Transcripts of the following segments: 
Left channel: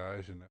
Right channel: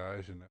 viagem, né?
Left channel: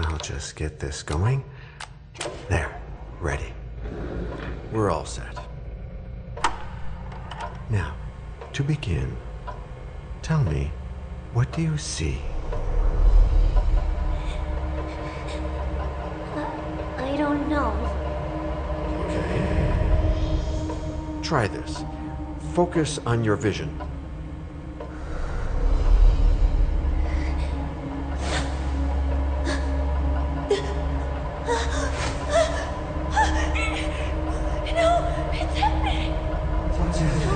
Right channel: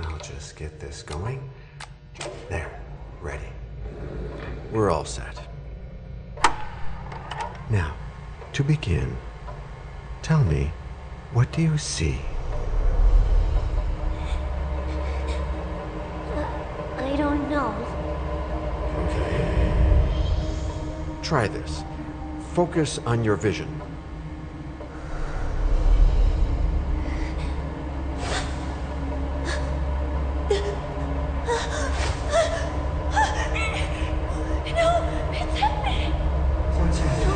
I'll just get this going. There, ready. We're all set. Now, to begin, tell me, what do you see? I don't know. Okay. Try this. Focus on your vision. No, it's happening. What's happening?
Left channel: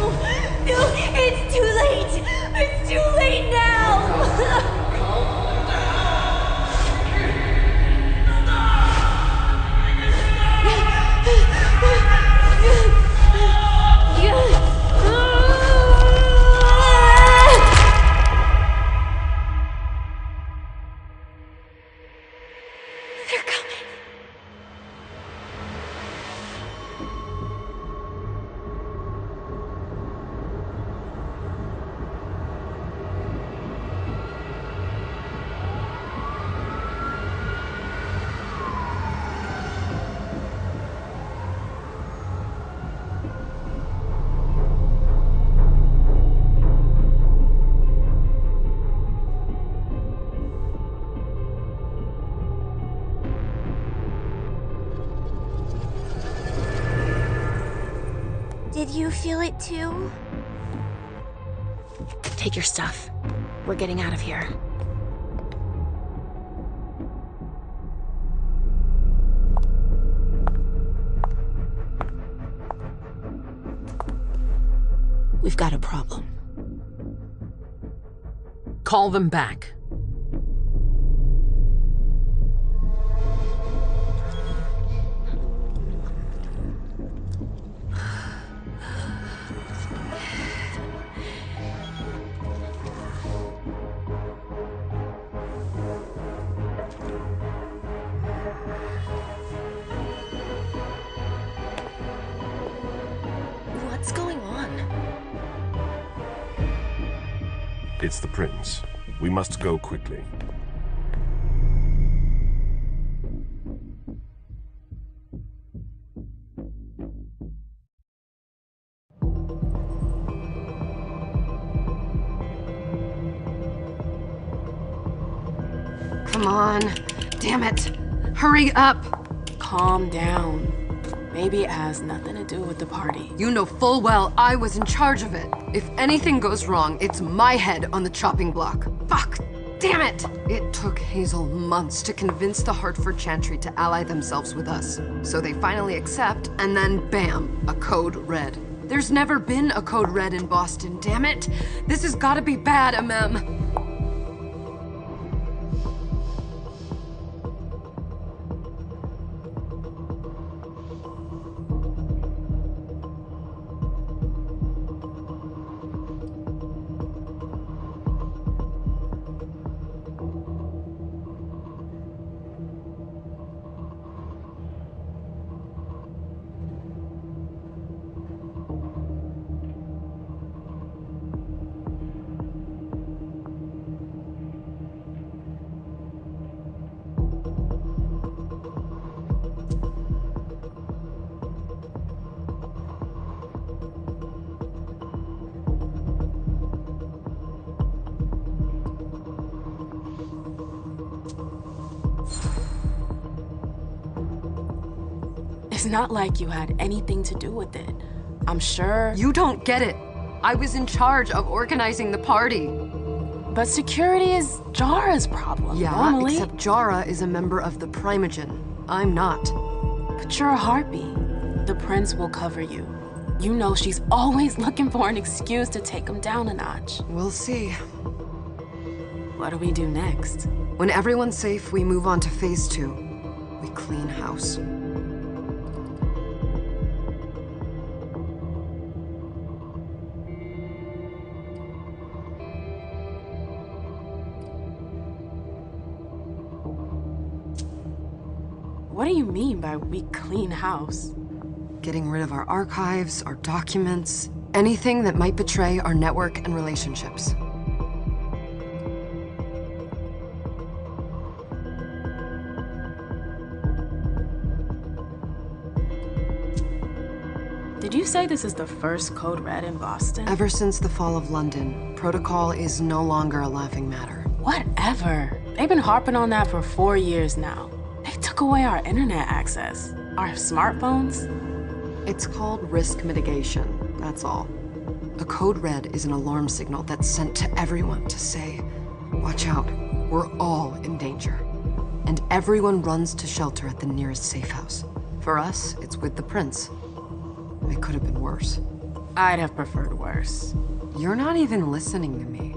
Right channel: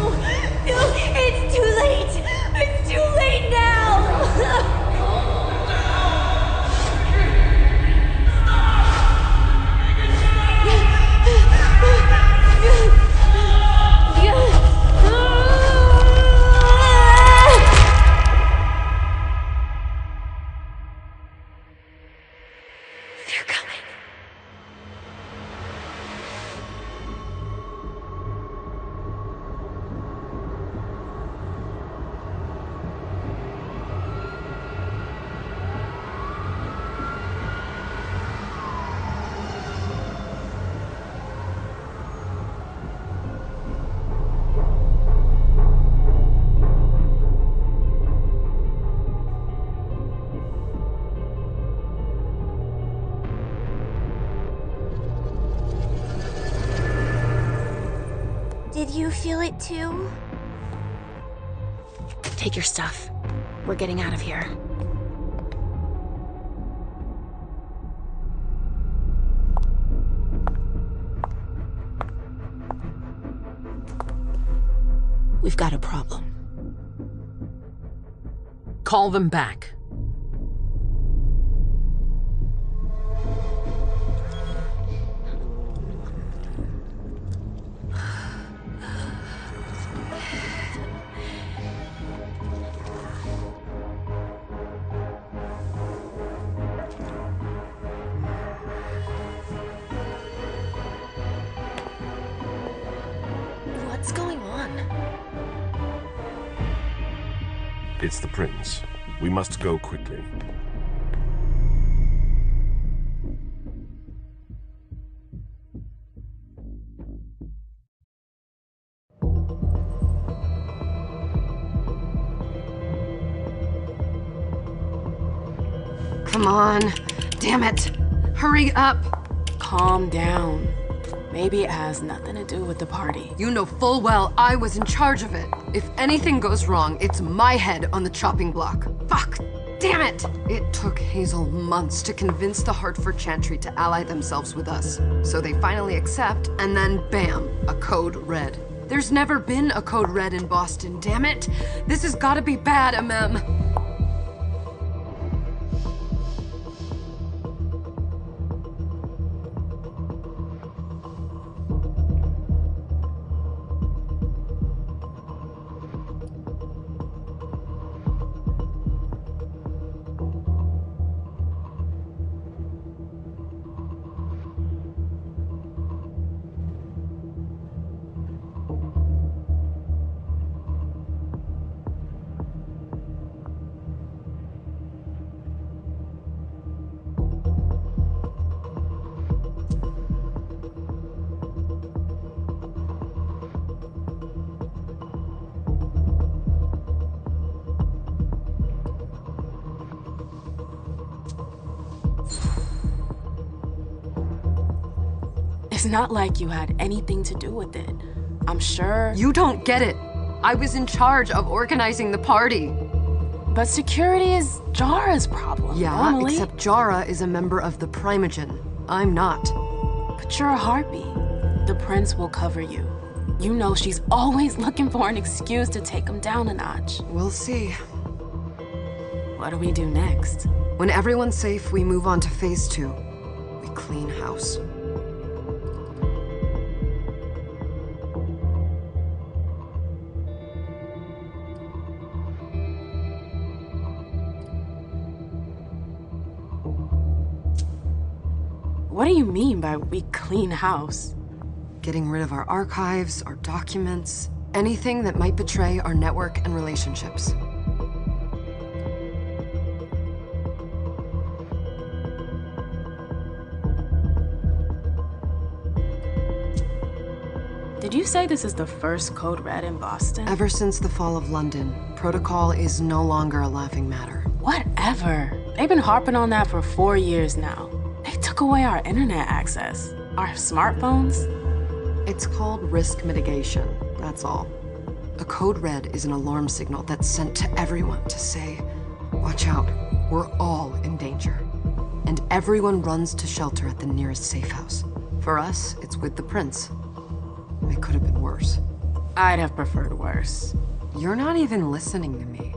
No, it's too late. It's too late now. They're coming. Did you feel it too? Take your stuff. We're getting out of here. We've got a problem. Call them back. What's going on? It's the prince. We must go quickly. Come on. Damn it. Hurry up. Calm down. Maybe it has nothing to do with the party. You know full well I was in charge of it. If anything goes wrong, it's my head on the chopping block. Fuck. Damn it. It took Hazel months to convince the Hartford Chantry to ally themselves with us. So they finally accept, and then bam, a code red. There's never been a code red in Boston, damn it. This has gotta be bad, MM. It's not like you had anything to do with it. I'm sure. You don't get it. I was in charge of organizing the party. But security is Jara's problem, Yeah, normally. except Jara is a member of the Primogen. I'm not. But you're a harpy. The prince will cover you. You know she's always looking for an excuse to take him down a notch. We'll see. What do we do next? When everyone's safe, we move on to phase 2. We clean house. What do you mean by we clean house? Getting rid of our archives, our documents, anything that might betray our network and relationships. Did you say this is the first code red in Boston? Ever since the fall of London, protocol is no longer a laughing matter. Whatever. They've been harping on that for 4 years now. They took away our internet access. Our smartphones. It's called risk mitigation, that's all. A code red is an alarm signal that's sent to everyone to say, watch out, we're all in danger. And everyone runs to shelter at the nearest safe house. For us, it's with the prince. It could have been worse. I'd have preferred worse. You're not even listening to me.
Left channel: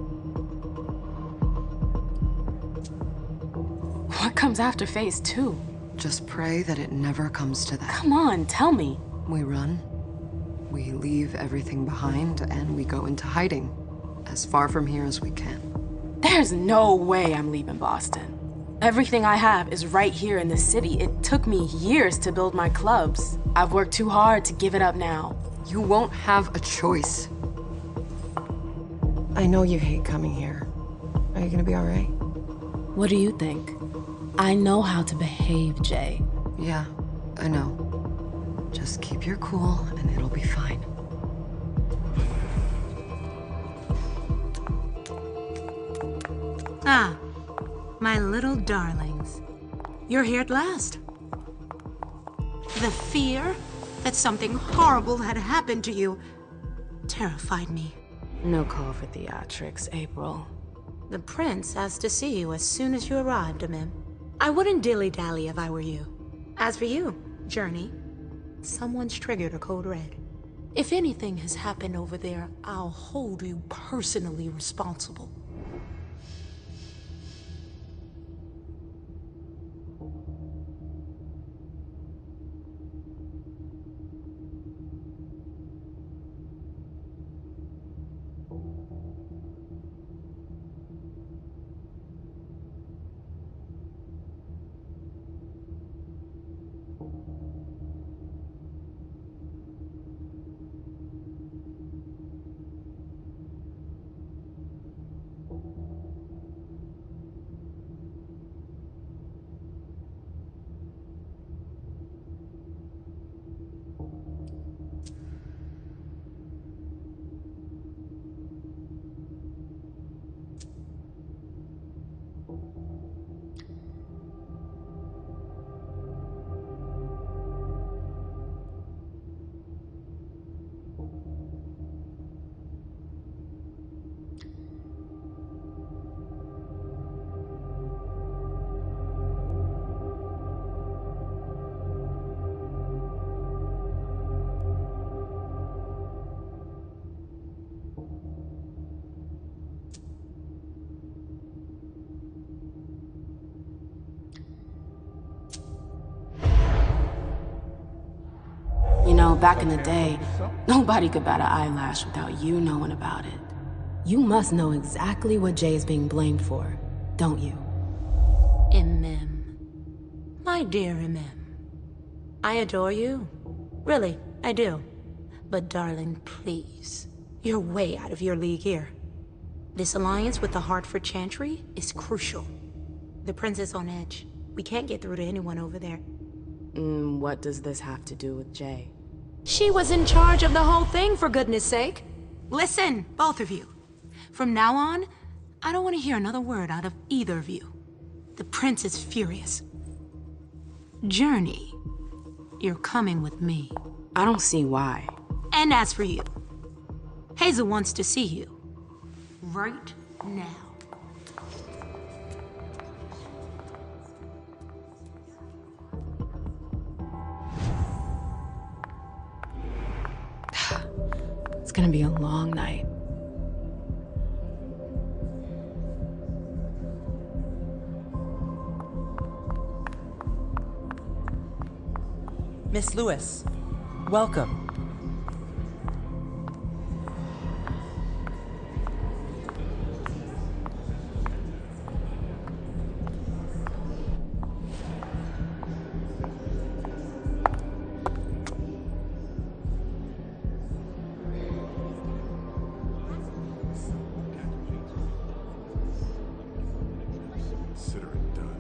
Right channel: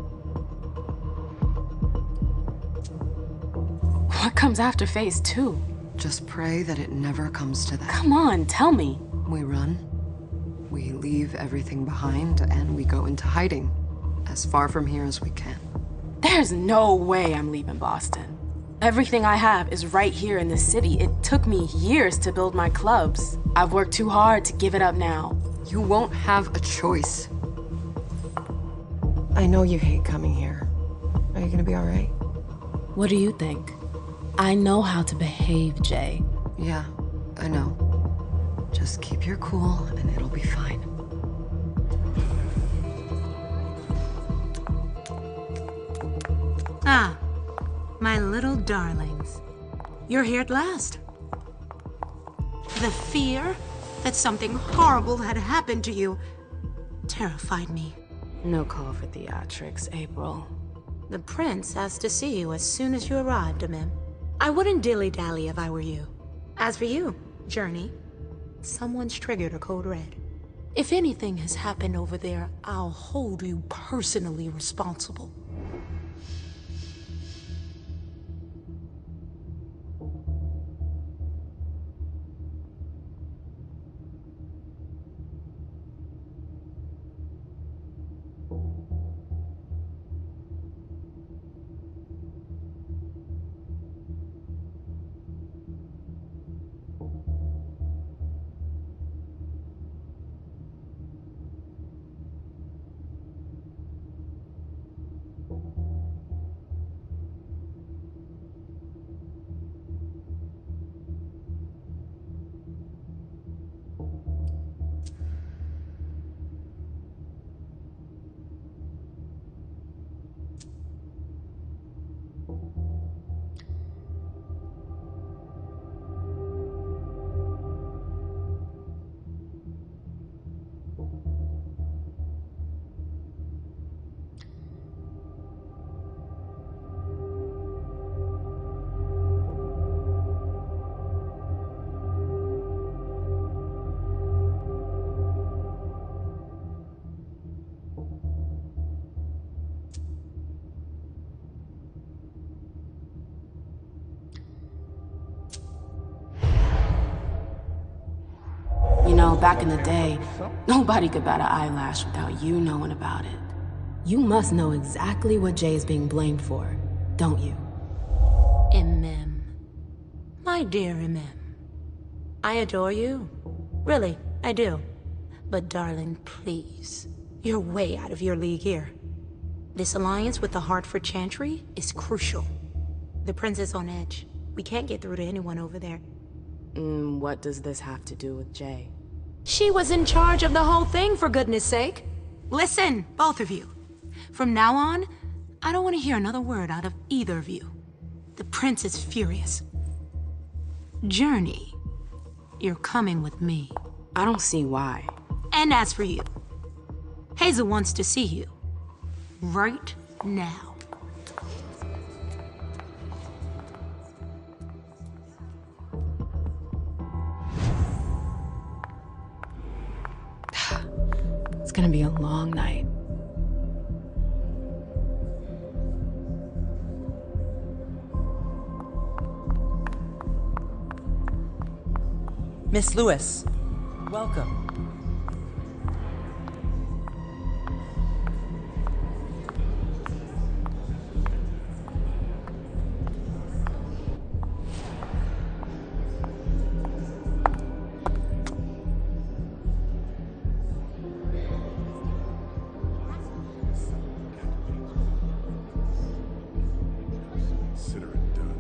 What comes after phase 2? Just pray that it never comes to that. Come on, tell me. We run, we leave everything behind, and we go into hiding. As far from here as we can. There's no way I'm leaving Boston. Everything I have is right here in the city. It took me years to build my clubs. I've worked too hard to give it up now. You won't have a choice. I know you hate coming here. Are you gonna be all right? What do you think? I know how to behave, Jay. Yeah, I know. Just keep your cool and it'll be fine. Ah, my little darlings. You're here at last. The fear that something horrible had happened to you terrified me. No call for theatrics, April. The prince asked to see you as soon as you arrived, Mim. I wouldn't dilly-dally if I were you. As for you, Journey, someone's triggered a code red. If anything has happened over there, I'll hold you personally responsible. You know, back in the day, nobody could bat an eyelash without you knowing about it. You must know exactly what Jay is being blamed for, don't you? MM. My dear MM. I adore you. Really, I do. But darling, please. You're way out of your league here. This alliance with the Hartford Chantry is crucial. The prince is on edge. We can't get through to anyone over there. What does this have to do with Jay? She was in charge of the whole thing, for goodness sake. Listen, both of you. From now on, I don't want to hear another word out of either of you. The prince is furious. Journey, you're coming with me. I don't see why. And as for you, Hazel wants to see you. Right now. It's gonna be a long night. Miss Lewis, welcome. Consider it done.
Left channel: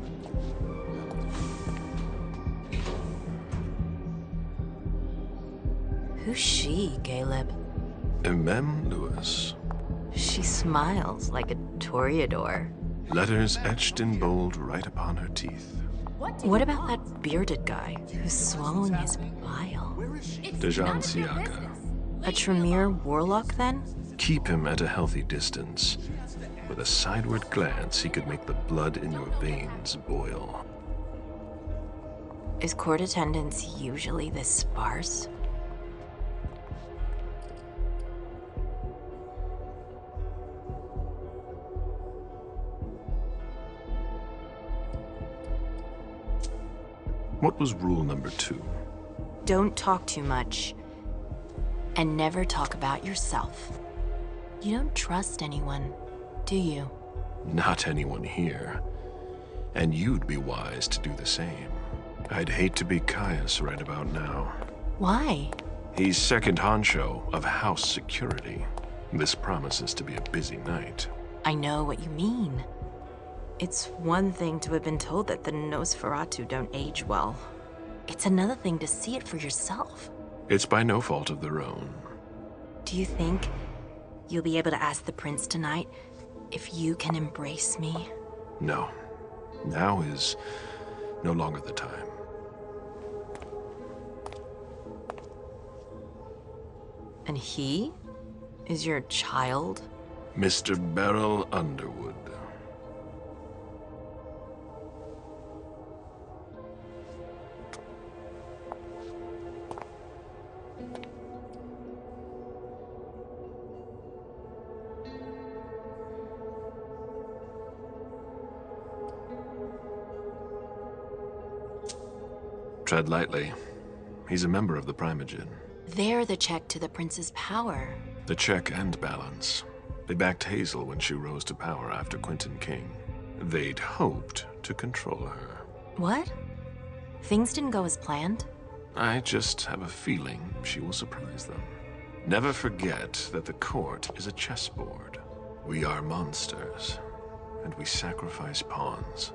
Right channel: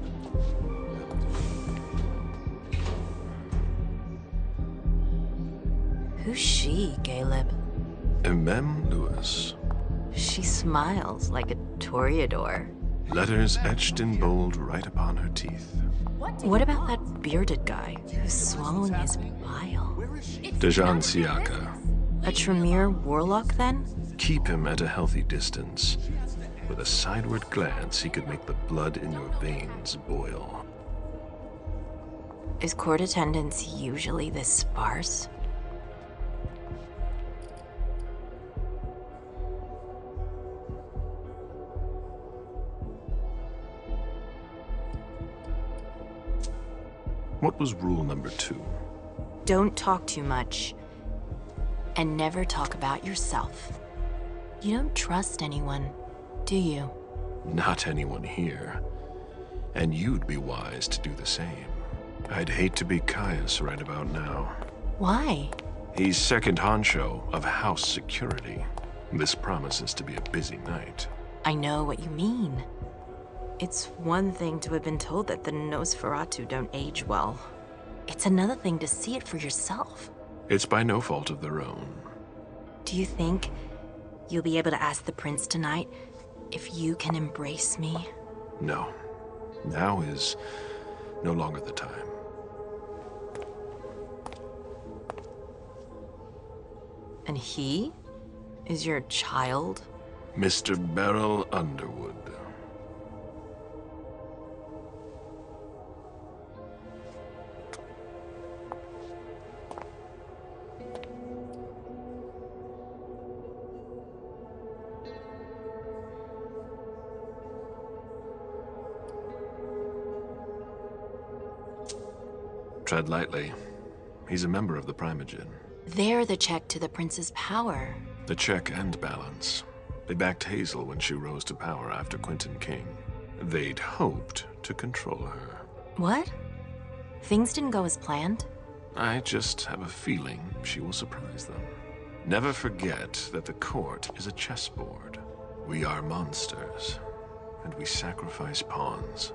Who's she, Caleb? MM Lewis. She smiles like a toreador. Letters etched in bold right upon her teeth. What about that bearded guy who's swallowing his bile? Dejan Siaka. A Tremere warlock, then? Keep him at a healthy distance. With a sideward glance, he could make the blood in your veins boil. Is court attendance usually this sparse? What was rule number 2? Don't talk too much. And never talk about yourself. You don't trust anyone, do you? Not anyone here. And you'd be wise to do the same. I'd hate to be Caius right about now. Why? He's second honcho of house security. This promises to be a busy night. I know what you mean. It's one thing to have been told that the Nosferatu don't age well. It's another thing to see it for yourself. It's by no fault of their own. Do you think you'll be able to ask the prince tonight if you can embrace me? No. Now is no longer the time. And he is your child? Mr. Beryl Underwood. Tread lightly. He's a member of the Primogen. They're the check to the prince's power. The check and balance. They backed Hazel when she rose to power after Quentin King. They'd hoped to control her. What? Things didn't go as planned? I just have a feeling she will surprise them. Never forget that the court is a chessboard. We are monsters, and we sacrifice pawns.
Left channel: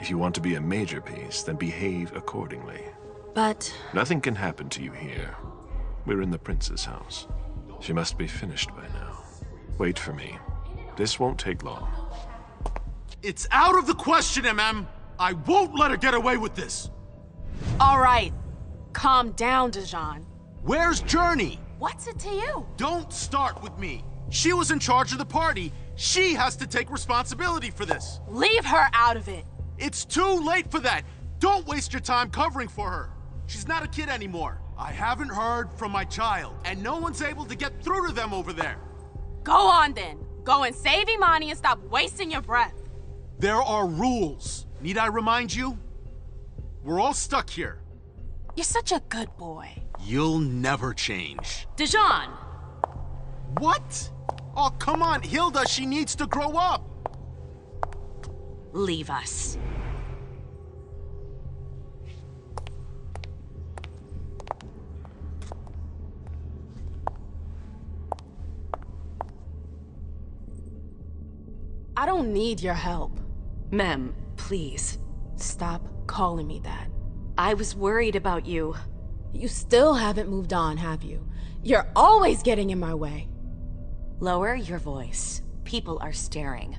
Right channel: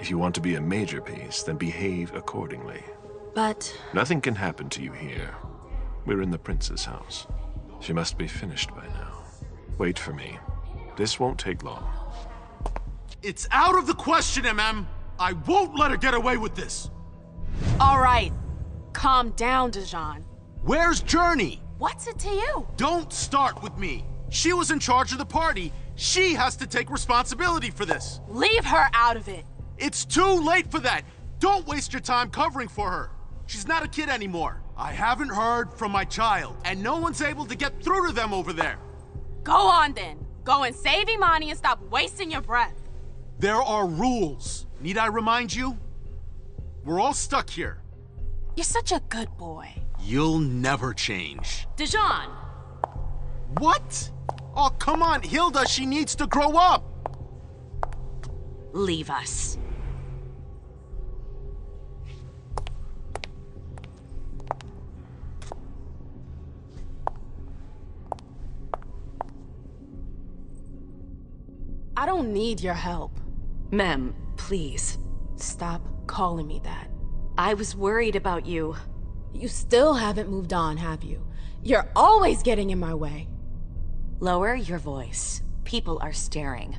If you want to be a major piece, then behave accordingly. But... Nothing can happen to you here. We're in the prince's house. She must be finished by now. Wait for me. This won't take long. It's out of the question, MM! I won't let her get away with this! All right. Calm down, Dejan. Where's Journey? What's it to you? Don't start with me. She was in charge of the party. She has to take responsibility for this. Leave her out of it. It's too late for that. Don't waste your time covering for her. She's not a kid anymore. I haven't heard from my child, and no one's able to get through to them over there. Go on then. Go and save Imani and stop wasting your breath. There are rules. Need I remind you? We're all stuck here. You're such a good boy. You'll never change. Dijon! What? Oh, come on, Hilda, she needs to grow up! Leave us. I don't need your help. Mem, please. Stop calling me that. I was worried about you. You still haven't moved on, have you? You're always getting in my way. Lower your voice. People are staring.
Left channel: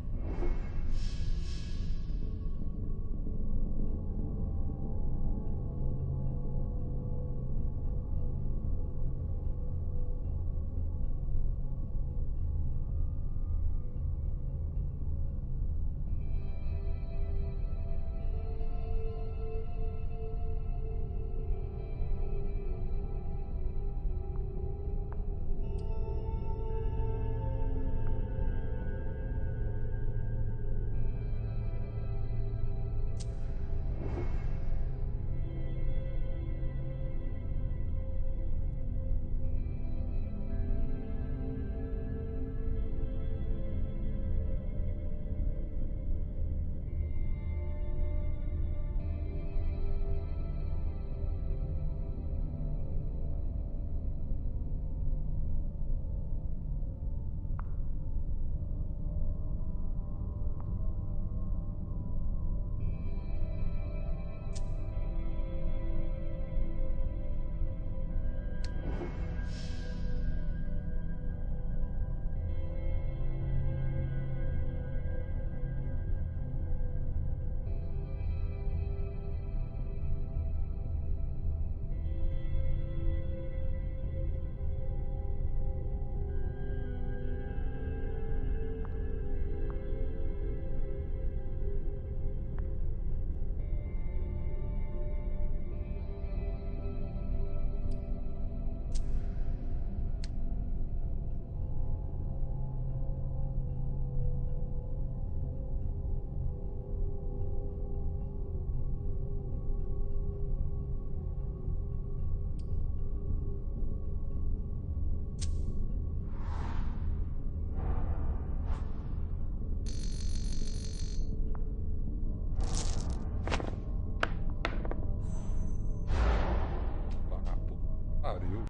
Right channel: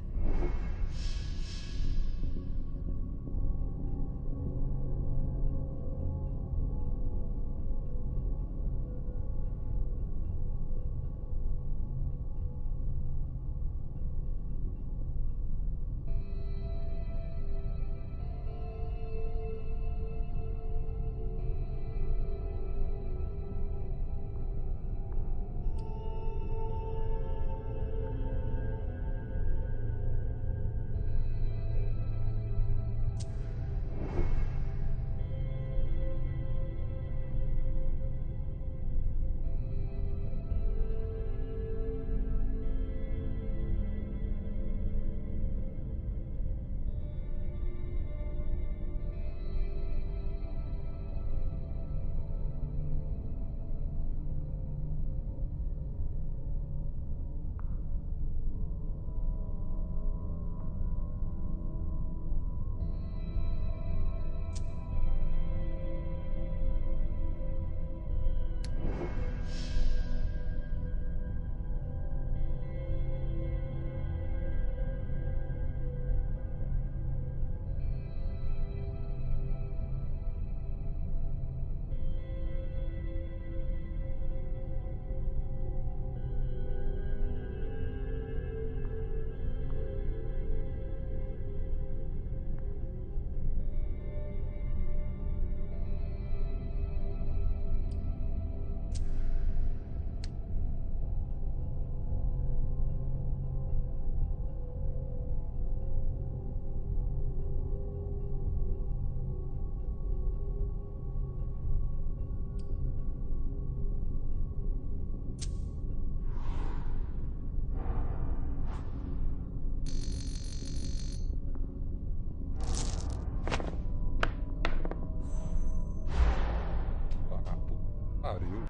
Pariu.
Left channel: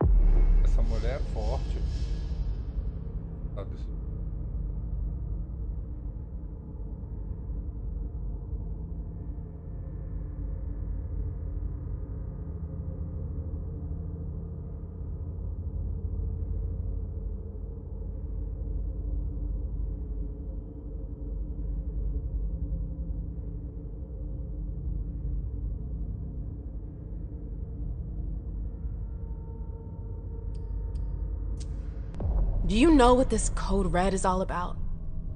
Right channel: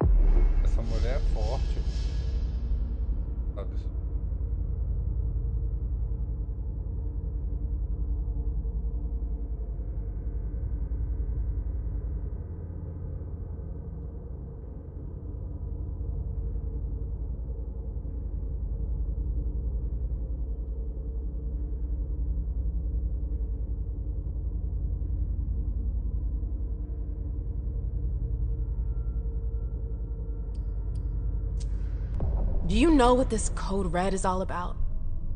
Essa mulher é forte. Sabe? Do you know what this code red is all about?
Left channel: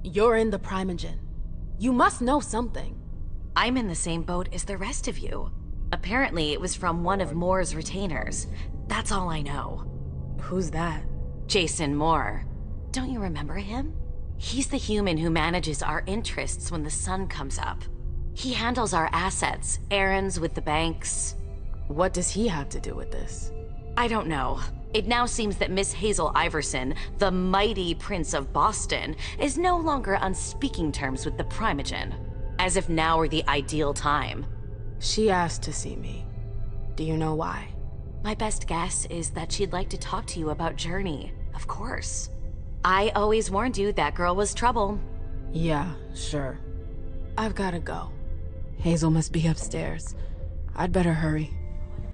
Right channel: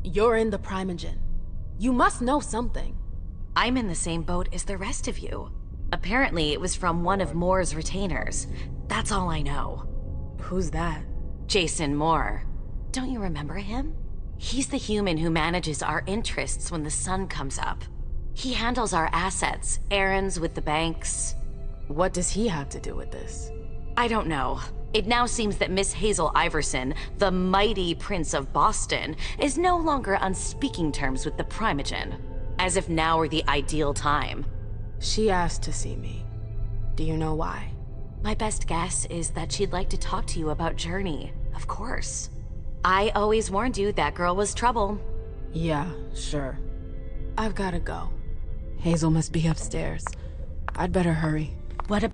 You're in the Primogen. You must know something. I'm in the same boat as the rest of you. Apparently, it was from one of Moore's retainers. That's all I know. Who's that? Jason Moore. Don't you remember him? He's the human who manages our interests when the sun comes up. He handles our assets, errands with the banks. What does he have to do with this? I don't know. It now seems that Miss Hazel Iverson, the mighty Prince of Boston, is no longer on speaking terms with the Primogen. As if now were the ideal time. She asked to see me. Do you know why? My best guess is that she'd like to talk to you about Journey, of course. I always warned you that girl was trouble. Yeah, sure. I've gotta go. Hazel must be upstairs. I'd better hurry. What a...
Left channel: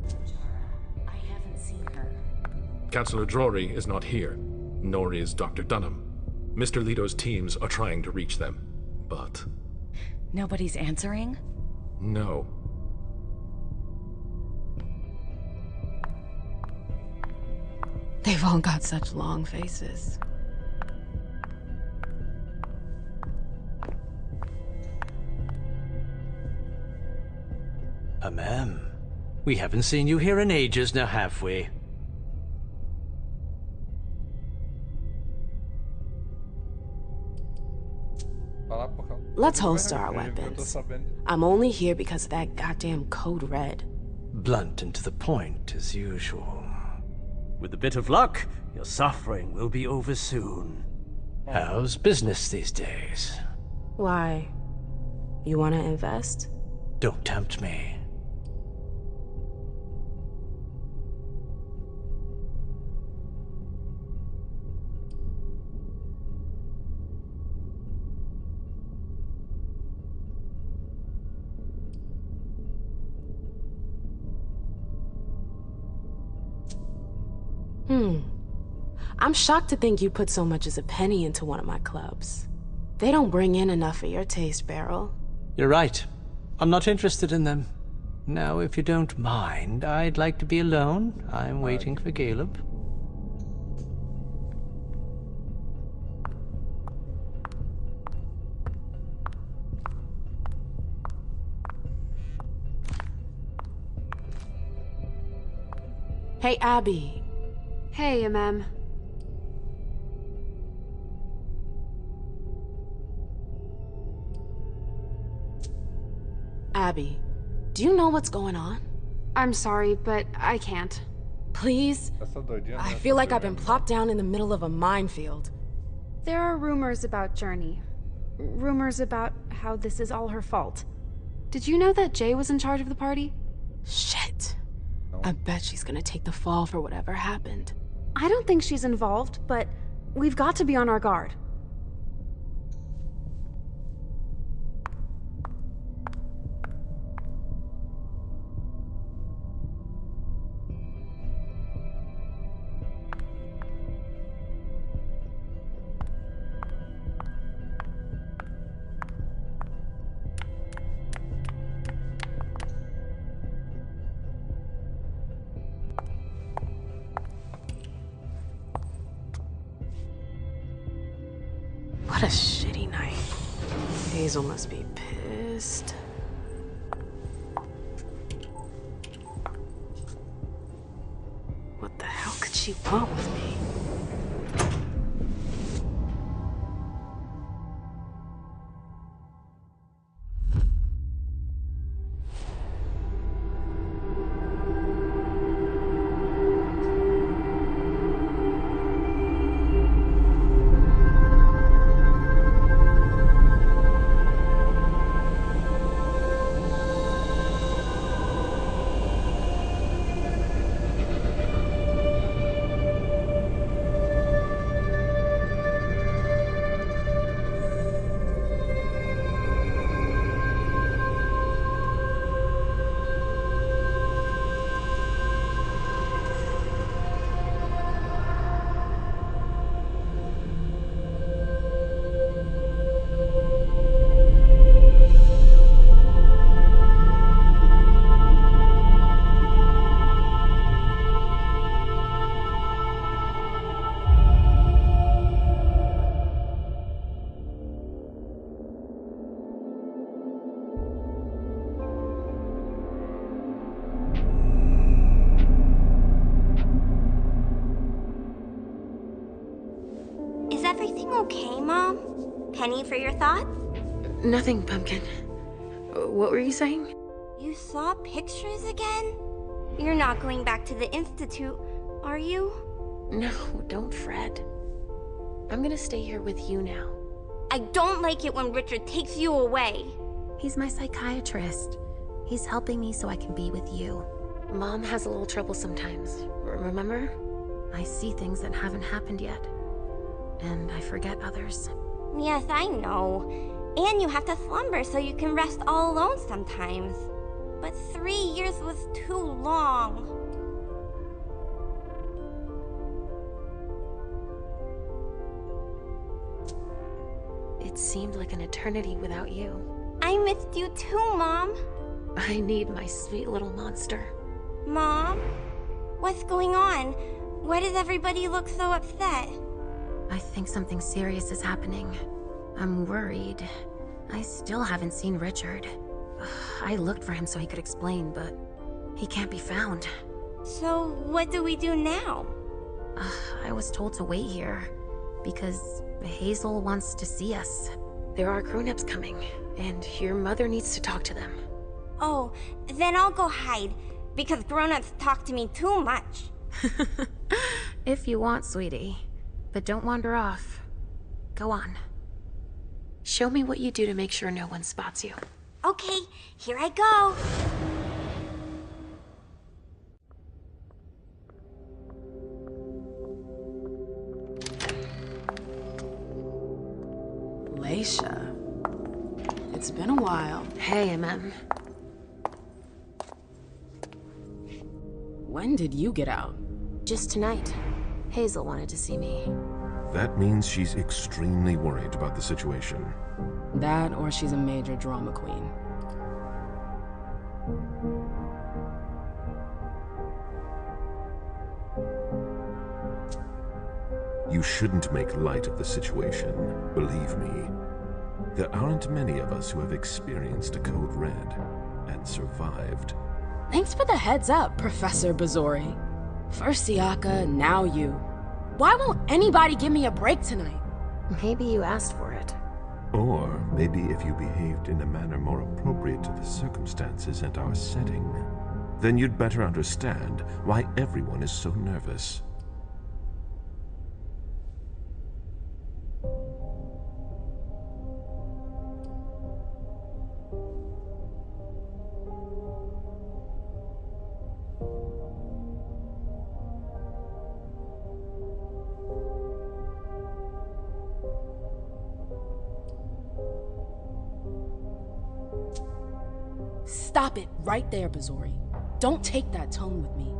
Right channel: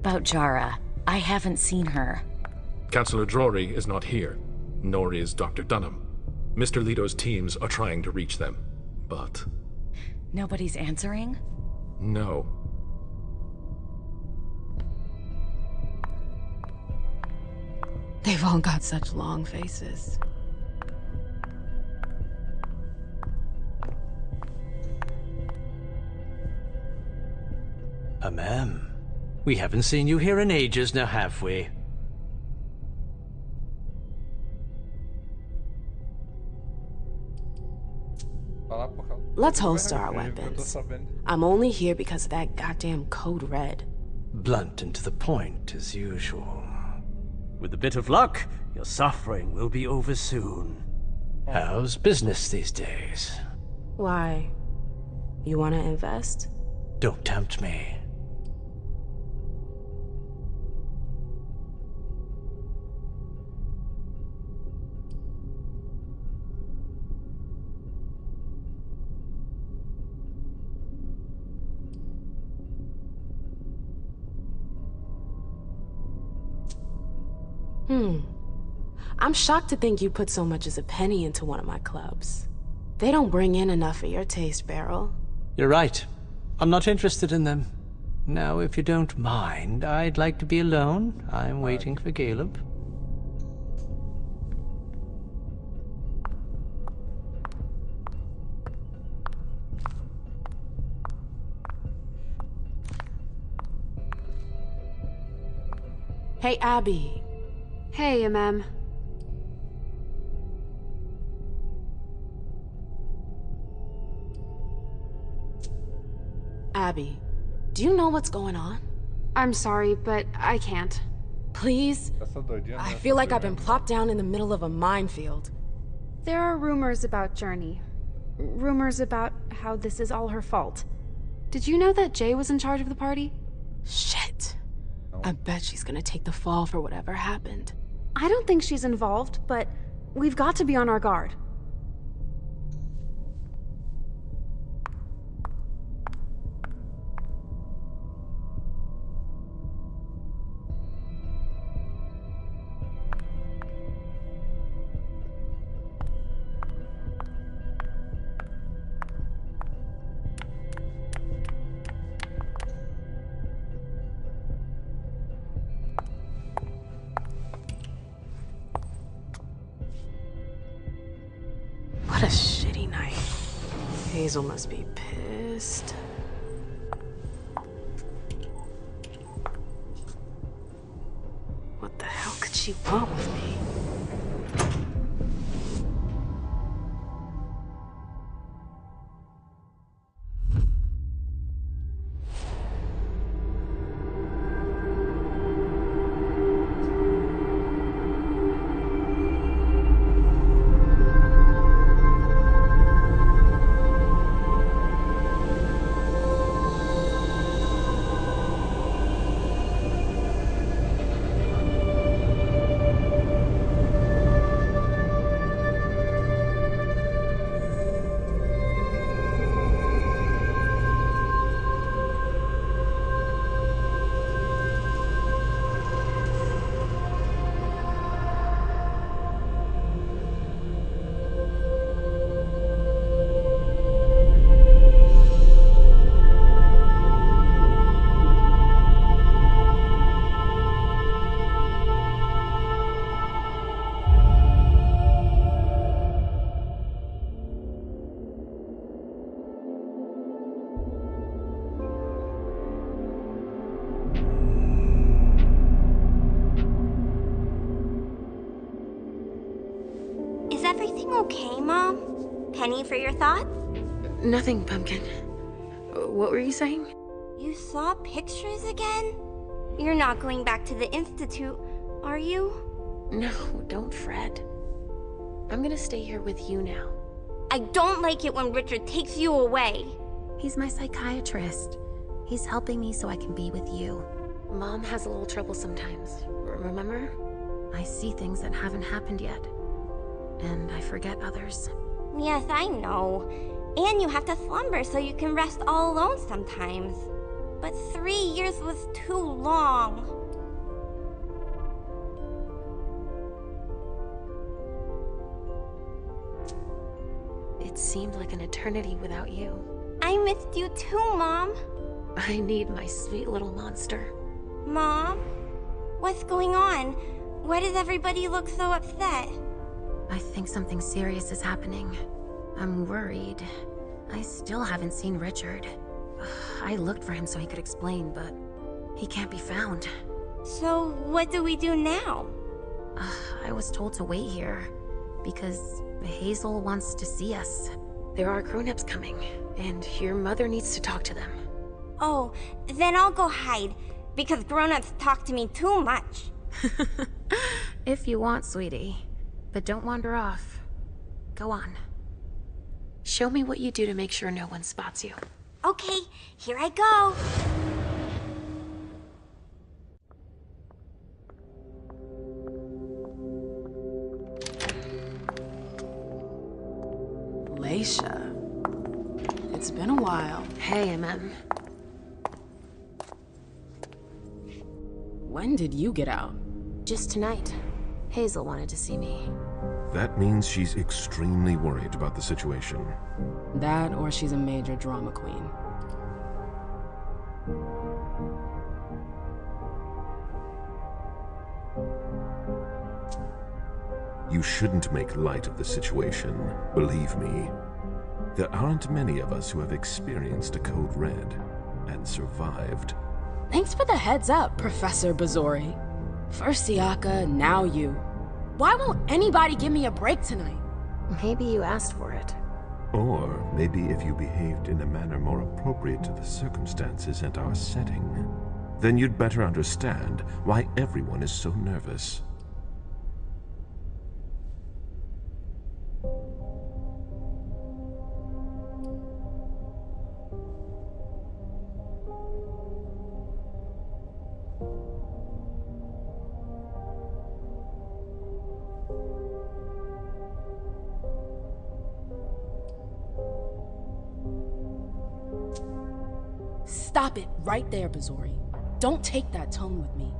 About Jara. I haven't seen her. Councillor Drury is not here, nor is Dr. Dunham. Mr. Leto's teams are trying to reach them, but... Nobody's answering? No. They've all got such long faces. Ma'am, we haven't seen you here in ages now, have we? Let's holster our weapons. I'm only here because of that goddamn code red. Blunt and to the point, as usual. With a bit of luck, your suffering will be over soon. How's business these days? Why? You want to invest? Don't tempt me. I'm shocked to think you put so much as a penny into one of my clubs. They don't bring in enough for your taste, Beryl. You're right. I'm not interested in them. Now, if you don't mind, I'd like to be alone. I'm waiting for Caleb. Hey, Abby. Hey, MM. Abby, do you know what's going on? I'm sorry, but I can't. Please? I feel like I've been plopped down in the middle of a minefield. There are rumors about Journey. Rumors about how this is all her fault. Did you know that Jay was in charge of the party? Shit. I bet she's gonna take the fall for whatever happened. I don't think she's involved, but we've got to be on our guard. What a shitty night. Hazel must be pissed. What the hell could she want with me? Is everything okay, Mom? Penny for your thoughts? Nothing, Pumpkin. What were you saying? You saw pictures again? You're not going back to the Institute, are you? No, don't fret. I'm gonna stay here with you now. I don't like it when Richard takes you away. He's my psychiatrist. He's helping me so I can be with you. Mom has a little trouble sometimes, remember? I see things that haven't happened yet. And I forget others. Yes, I know. And you have to slumber so you can rest all alone sometimes. But 3 years was too long. It seemed like an eternity without you. I missed you too, Mom. I need my sweet little monster. Mom? What's going on? Why does everybody look so upset? I think something serious is happening. I'm worried. I still haven't seen Richard. I looked for him so he could explain, but he can't be found. So what do we do now? I was told to wait here because Hazel wants to see us. There are grown-ups coming, and your mother needs to talk to them. Oh, then I'll go hide, because grown-ups talk to me too much. If you want, sweetie. But don't wander off. Go on. Show me what you do to make sure no one spots you. Okay, here I go. Leisha. It's been a while. Hey, MM. When did you get out? Just tonight. Hazel wanted to see me. That means she's extremely worried about the situation. That, or she's a major drama queen. You shouldn't make light of the situation, believe me. There aren't many of us who have experienced a code red and survived. Thanks for the heads up, Professor Bazori. First Siaka, now you. Why won't anybody give me a break tonight? Maybe you asked for it. Or maybe if you behaved in a manner more appropriate to the circumstances and our setting, then you'd better understand why everyone is so nervous. Stop it right there, Bazori. Don't take that tone with me.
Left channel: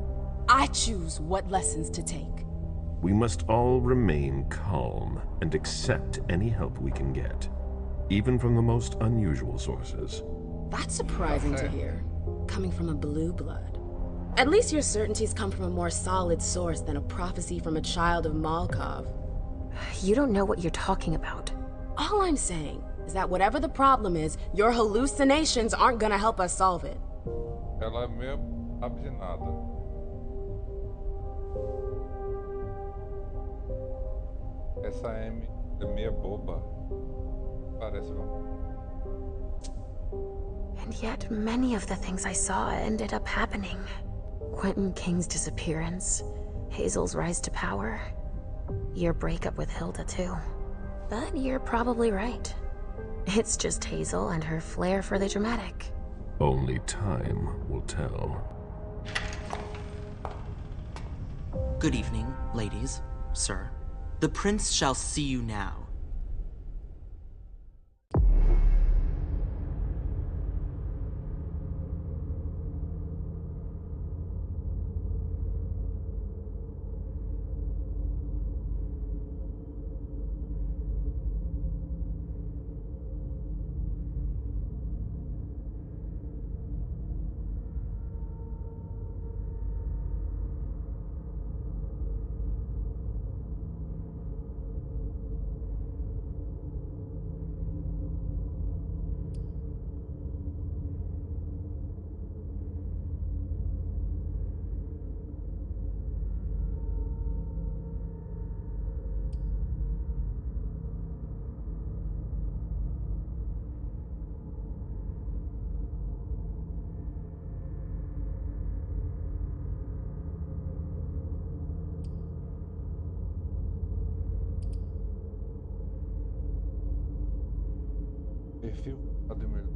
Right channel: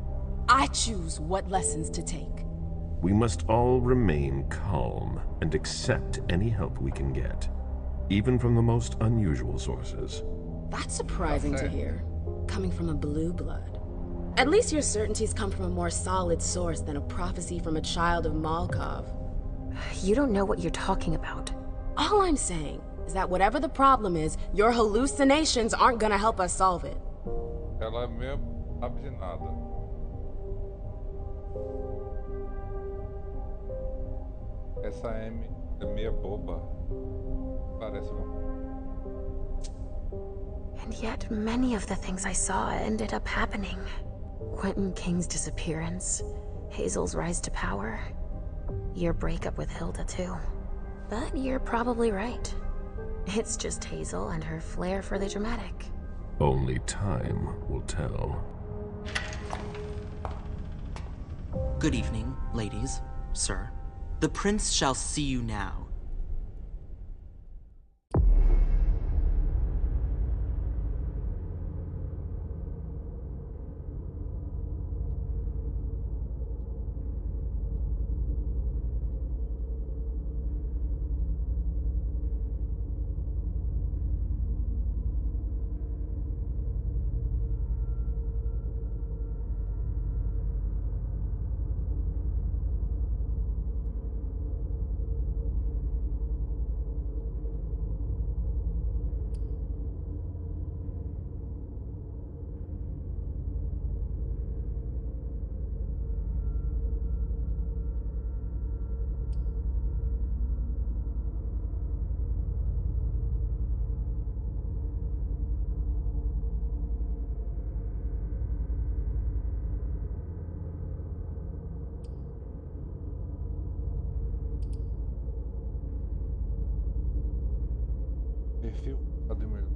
I choose what lessons to take. We must all remain calm and accept any help we can get, even from the most unusual sources. That's surprising to hear, coming from a blue blood. At least your certainties come from a more solid source than a prophecy from a child of Malkov. You don't know what you're talking about. All I'm saying is that whatever the problem is, your hallucinations aren't gonna help us solve it. Ela mesmo sabe de nada. Essa Amy é meio boba. Parece uma... And yet, many of the things I saw ended up happening. Quentin King's disappearance, Hazel's rise to power, your breakup with Hilda too. But you're probably right. It's just Hazel and her flair for the dramatic. Only time will tell. Good evening, ladies, sir. The prince shall see you now. Perfil admirado.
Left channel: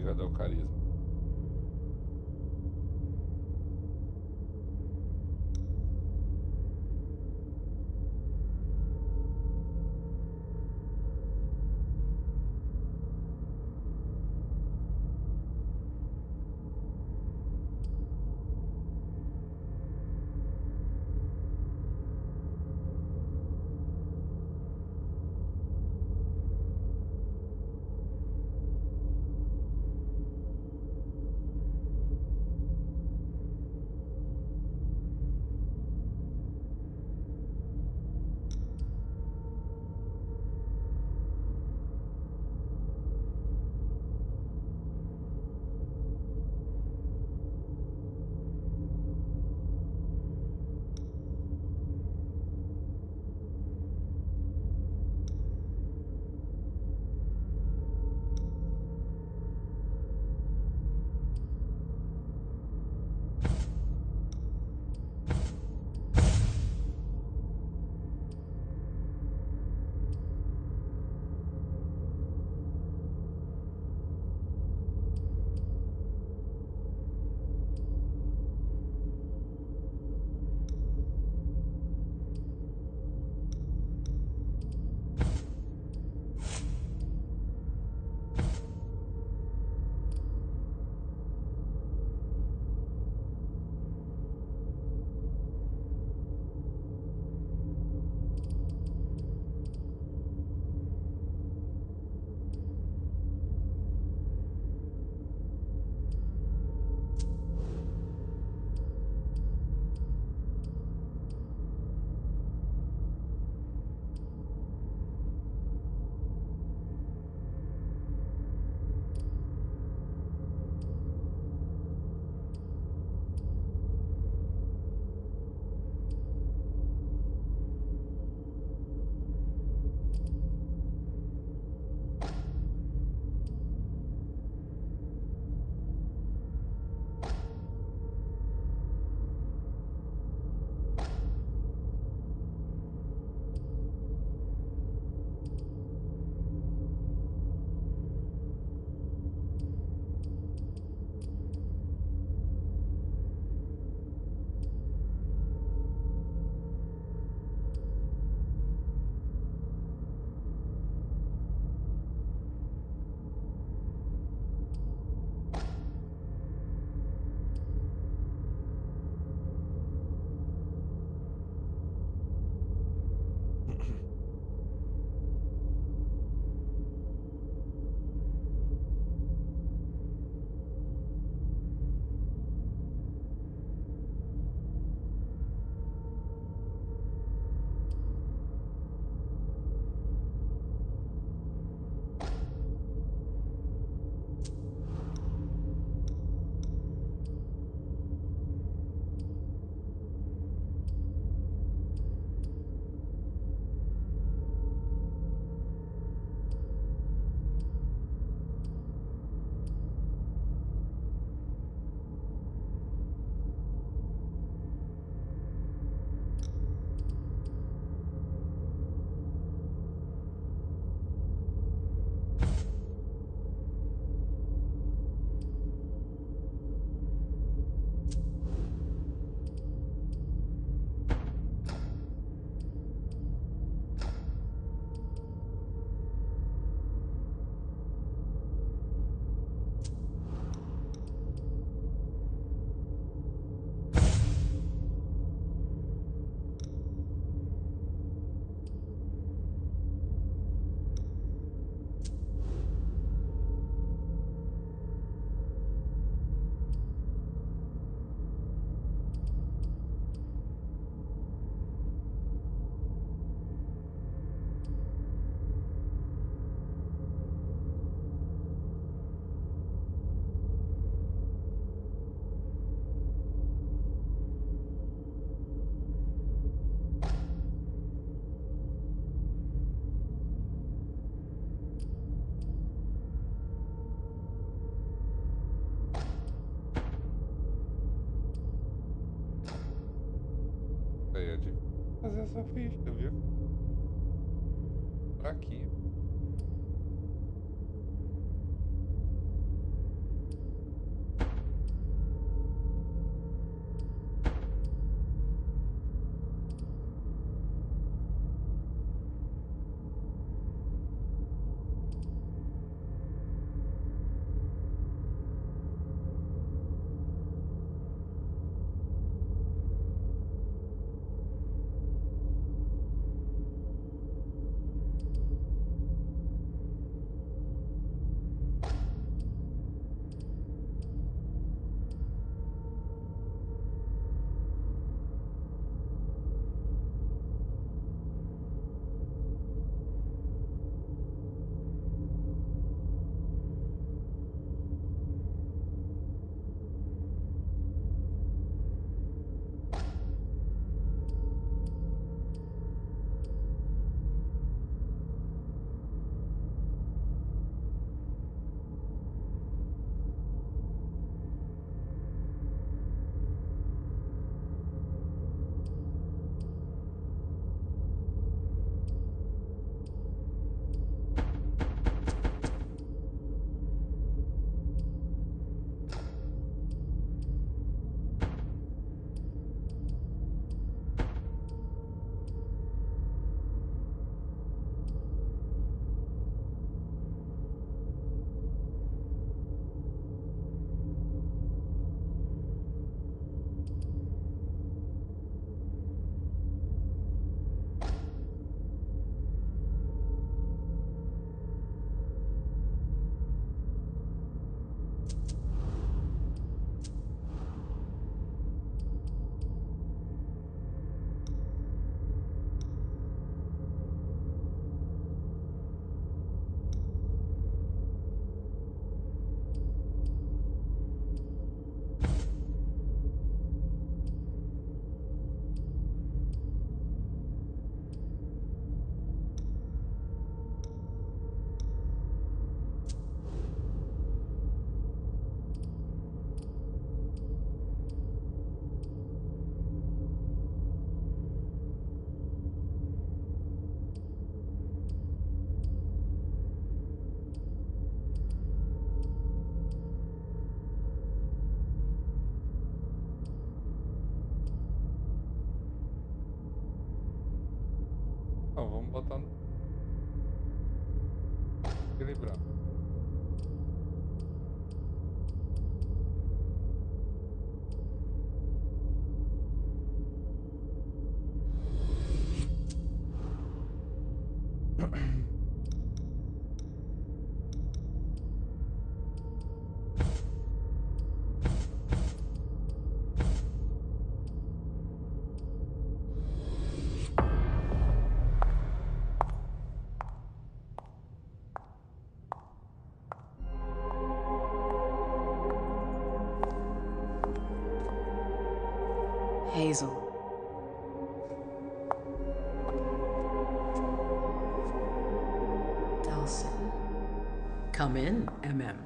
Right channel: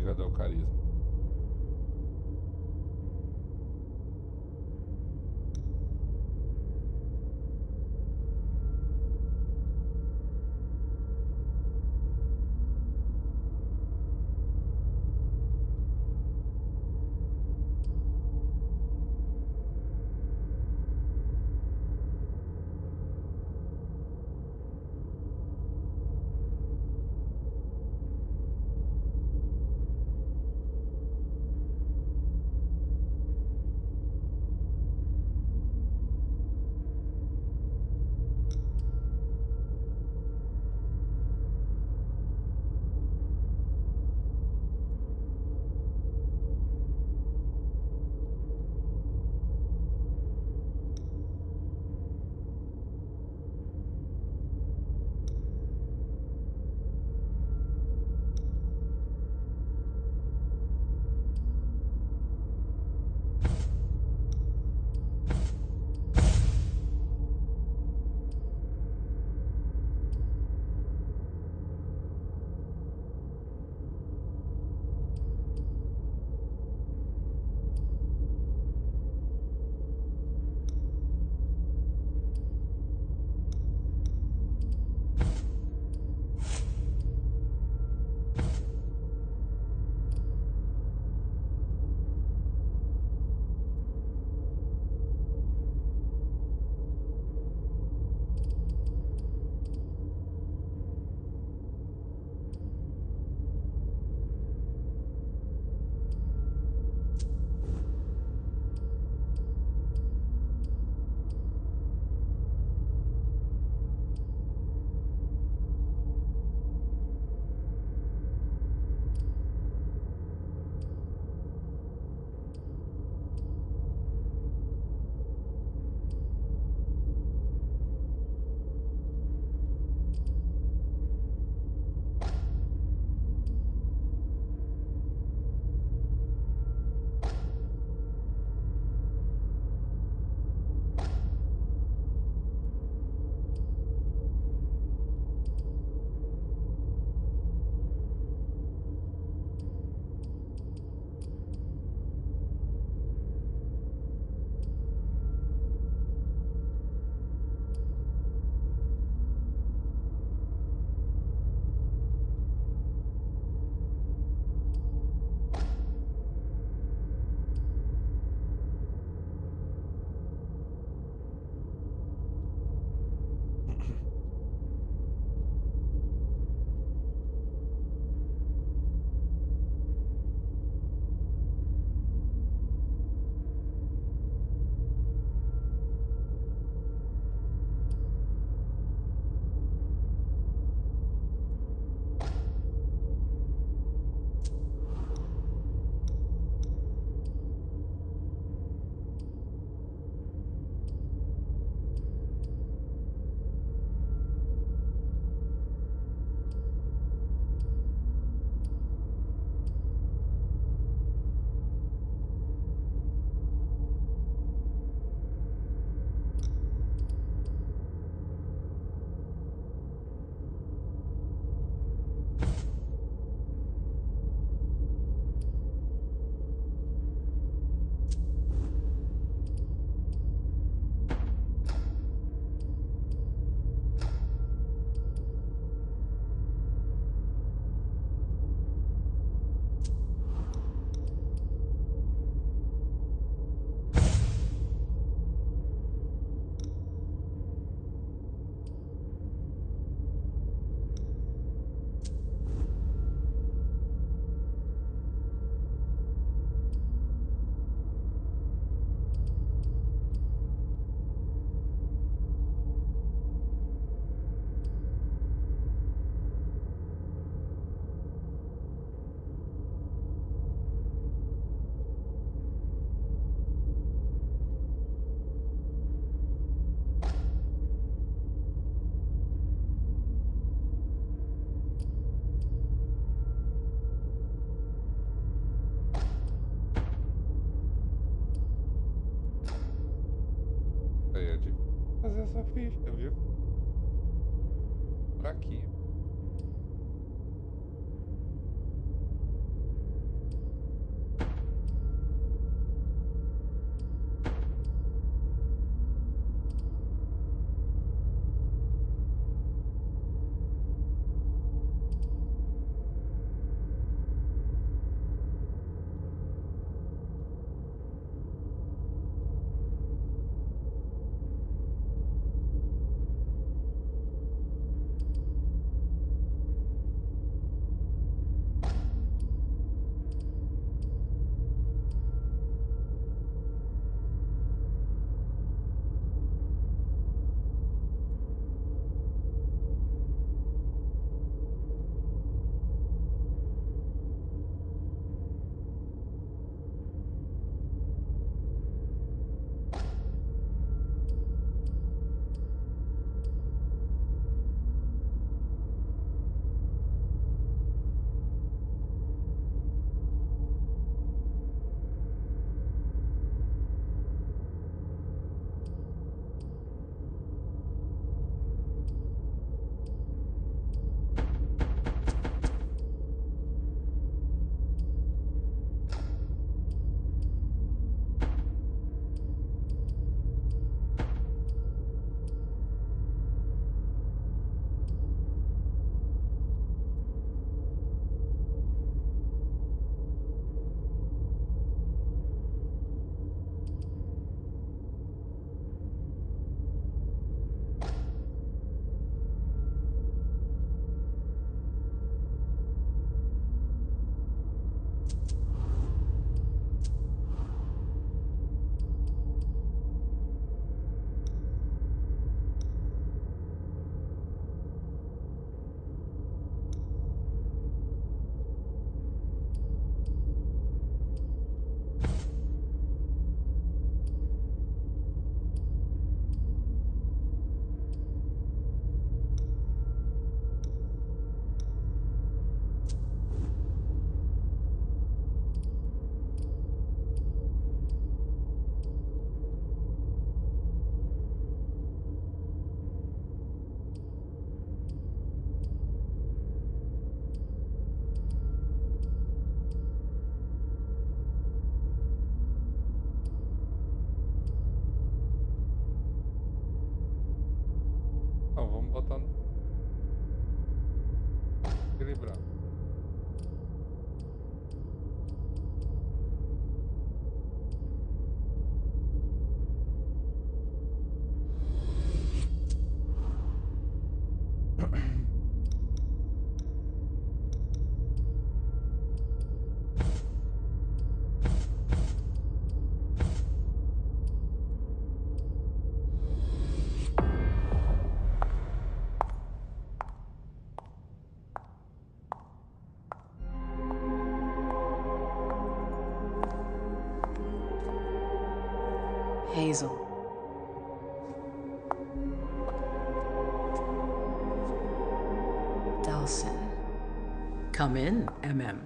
Ligado ao carisma. É de fazer essa ficha, viu? Fraquinho. Então vamos botar no equilibrar. Hazel. Delson. Come in, MM.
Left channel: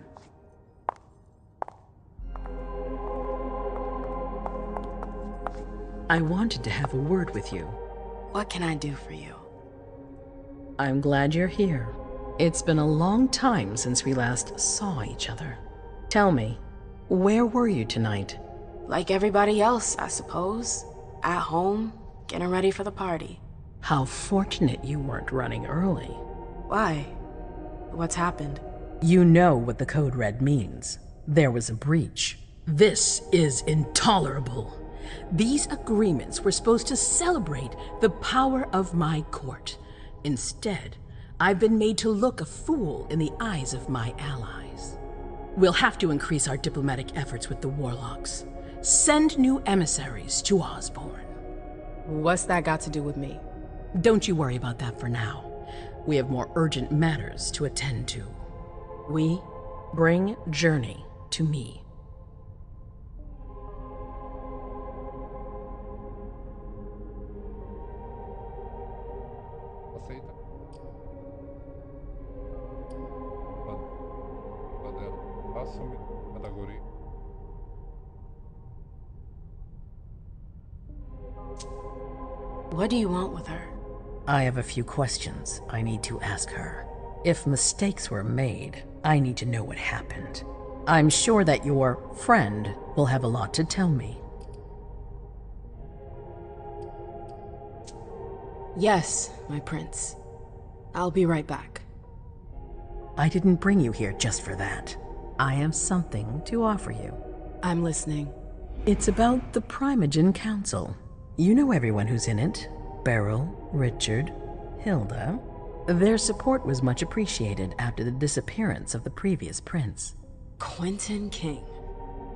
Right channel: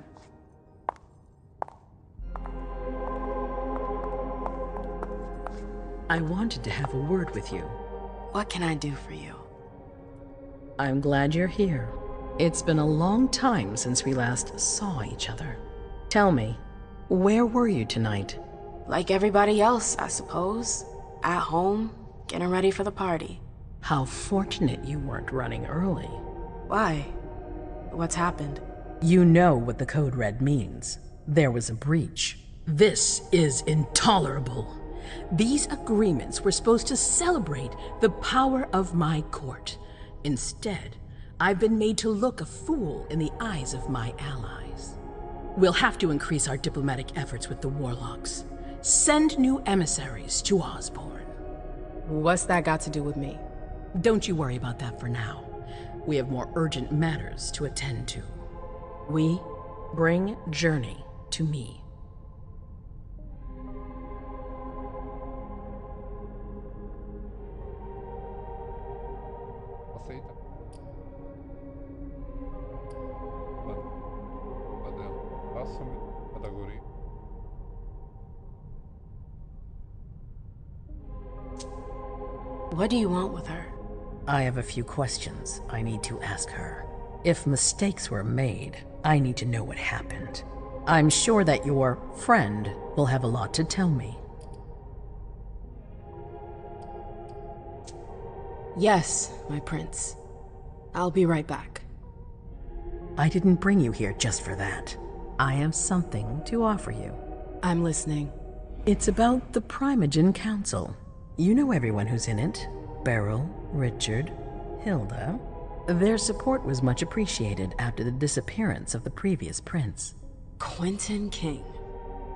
I wanted to have a word with you. What can I do for you? I'm glad you're here. It's been a long time since we last saw each other. Tell me, where were you tonight? Like everybody else, I suppose. At home, getting ready for the party. How fortunate you weren't running early. Why? What's happened? You know what the Code Red means. There was a breach. This is intolerable. These agreements were supposed to celebrate the power of my court. Instead, I've been made to look a fool in the eyes of my allies. We'll have to increase our diplomatic efforts with the Warlocks. Send new emissaries to Osborne. What's that got to do with me? Don't you worry about that for now. We have more urgent matters to attend to. We bring Journey to me. Aceita. Badela. Assume categoria. What do you want with her? I have a few questions I need to ask her. If mistakes were made, I need to know what happened. I'm sure that your friend will have a lot to tell me. Yes, my prince. I'll be right back. I didn't bring you here just for that. I have something to offer you. I'm listening. It's about the Primogen Council. You know everyone who's in it. Beryl, Richard, Hilda. Their support was much appreciated after the disappearance of the previous prince. Quentin King.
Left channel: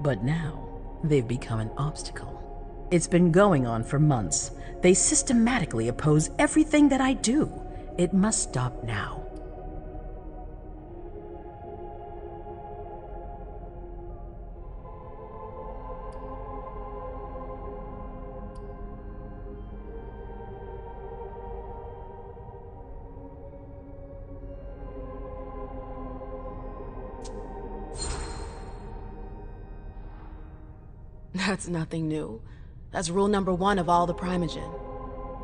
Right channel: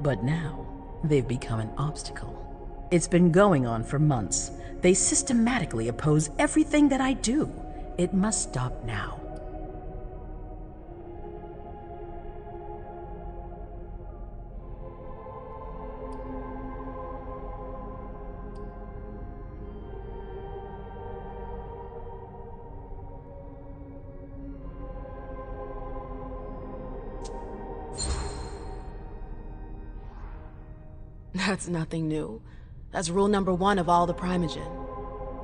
But now, they've become an obstacle. It's been going on for months. They systematically oppose everything that I do. It must stop now. That's nothing new. That's rule number 1 of all the Primogen.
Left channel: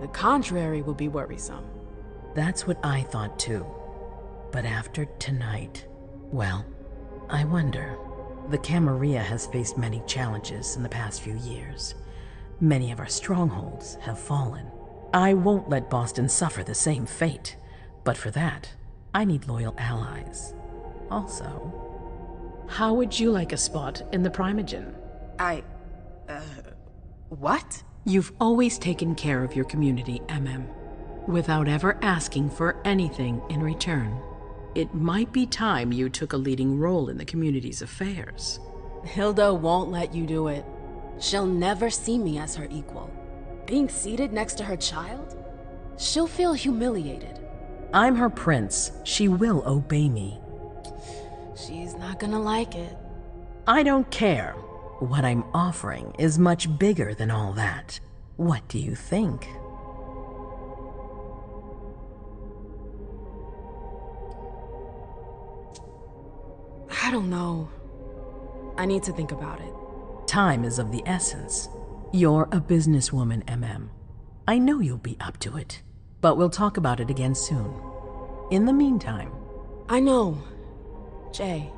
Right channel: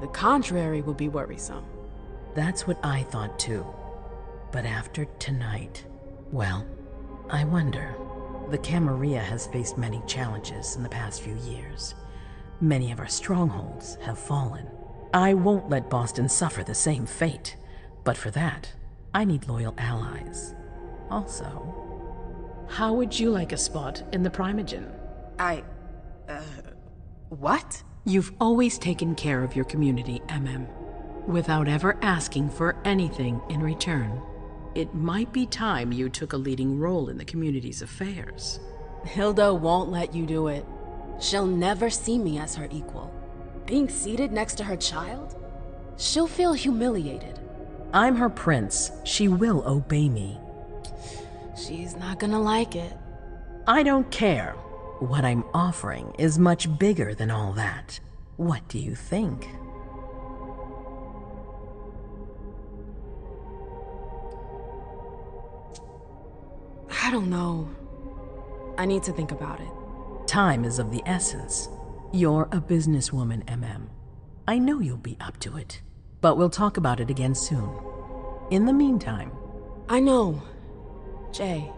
The contrary will be worrisome. That's what I thought too. But after tonight, well, I wonder. The Camarilla has faced many challenges in the past few years. Many of our strongholds have fallen. I won't let Boston suffer the same fate. But for that, I need loyal allies. Also, how would you like a spot in the Primogen? What? You've always taken care of your community, MM, without ever asking for anything in return. It might be time you took a leading role in the community's affairs. Hilda won't let you do it. She'll never see me as her equal. Being seated next to her child? She'll feel humiliated. I'm her prince. She will obey me. She's not gonna like it. I don't care. What I'm offering is much bigger than all that. What do you think? I don't know. I need to think about it. Time is of the essence. You're a businesswoman, MM. I know you'll be up to it. But we'll talk about it again soon. In the meantime... I know. Jay,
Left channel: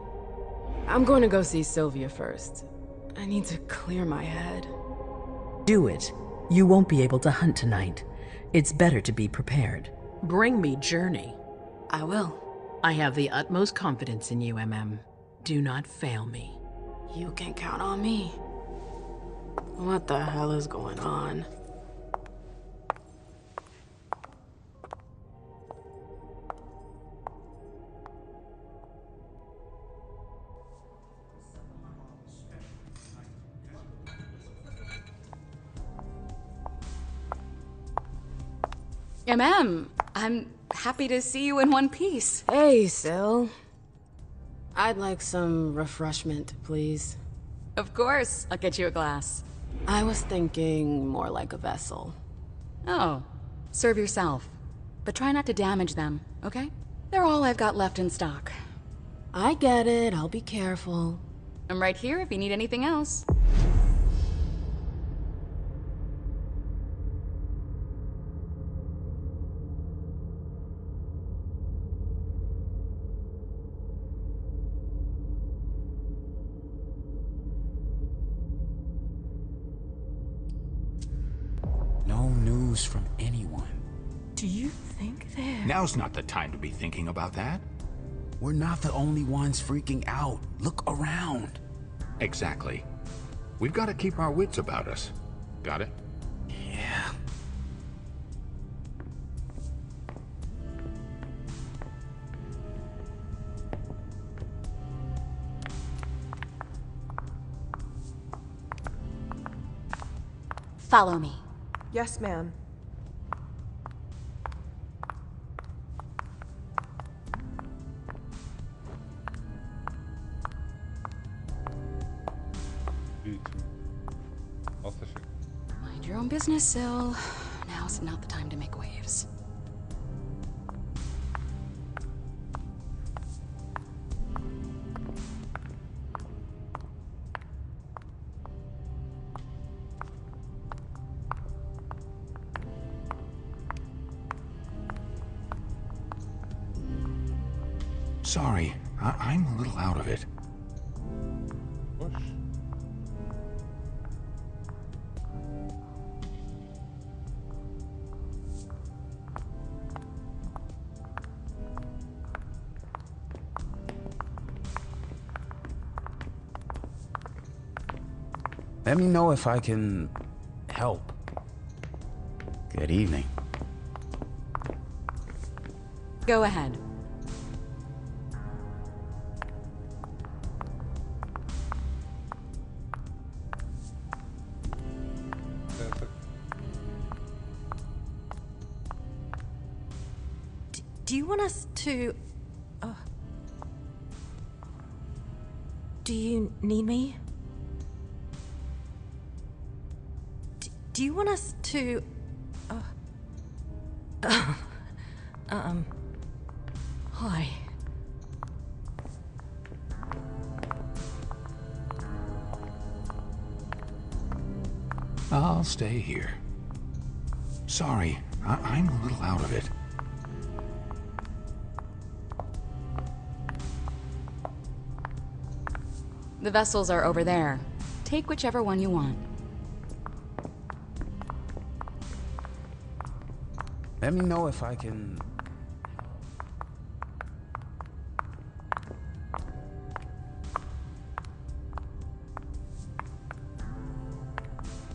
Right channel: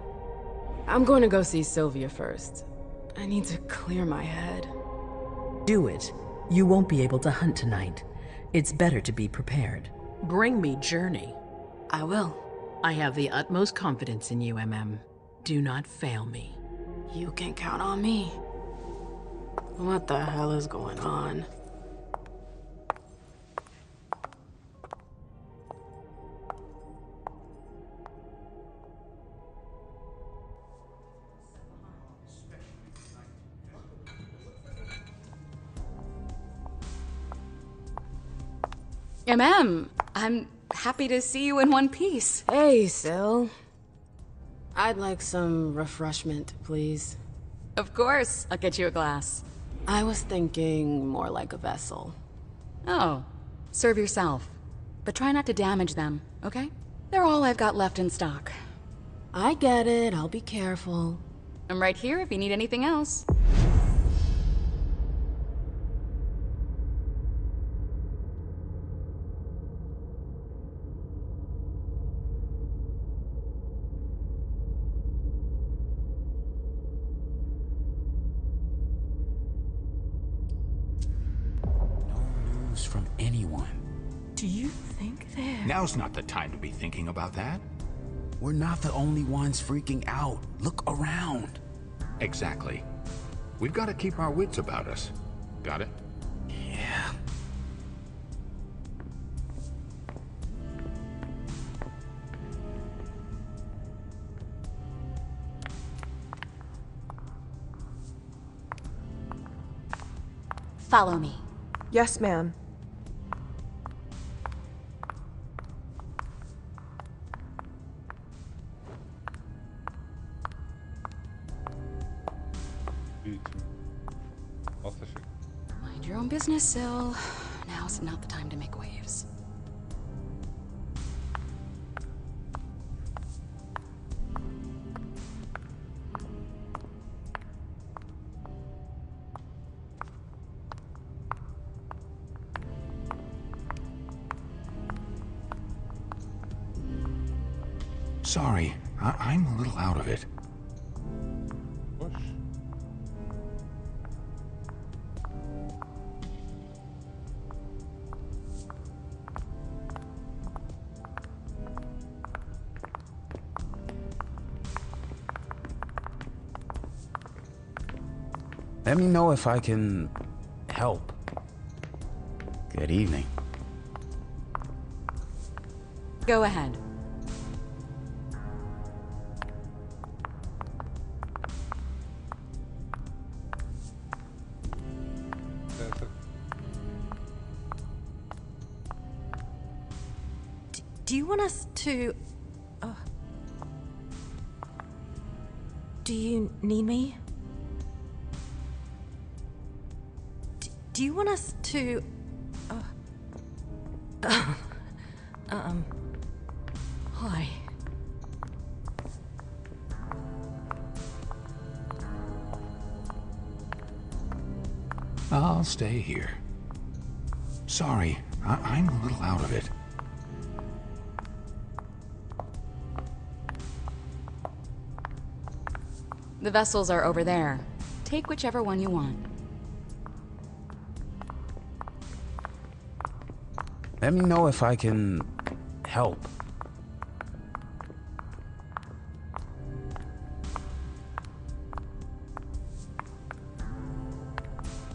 I'm going to go see Sylvia first. I need to clear my head. Do it. You won't be able to hunt tonight. It's better to be prepared. Bring me Journey. I will. I have the utmost confidence in you, MM. Do not fail me. You can count on me. What the hell is going on? I'm happy to see you in one piece. Hey, Sil. I'd like some refreshment, please. Of course, I'll get you a glass. I was thinking more like a vessel. Oh, serve yourself. But try not to damage them, okay? They're all I've got left in stock. I get it, I'll be careful. I'm right here if you need anything else. From anyone. Do you think they're... Now's not the time to be thinking about that. We're not the only ones freaking out. Look around. Exactly. We've got to keep our wits about us. Got it? Yeah. Follow me. Yes, ma'am. Mind your own business, Sil. Now's not the time to make waves. Sorry, I'm a little out of it. Let me know if I can help. Good evening. Go ahead. Do you want us to... Do you need me? Do you want us to... Hi. I'll stay here. Sorry, I'm a little out of it. The vessels are over there. Take whichever one you want. Let me know if I can help.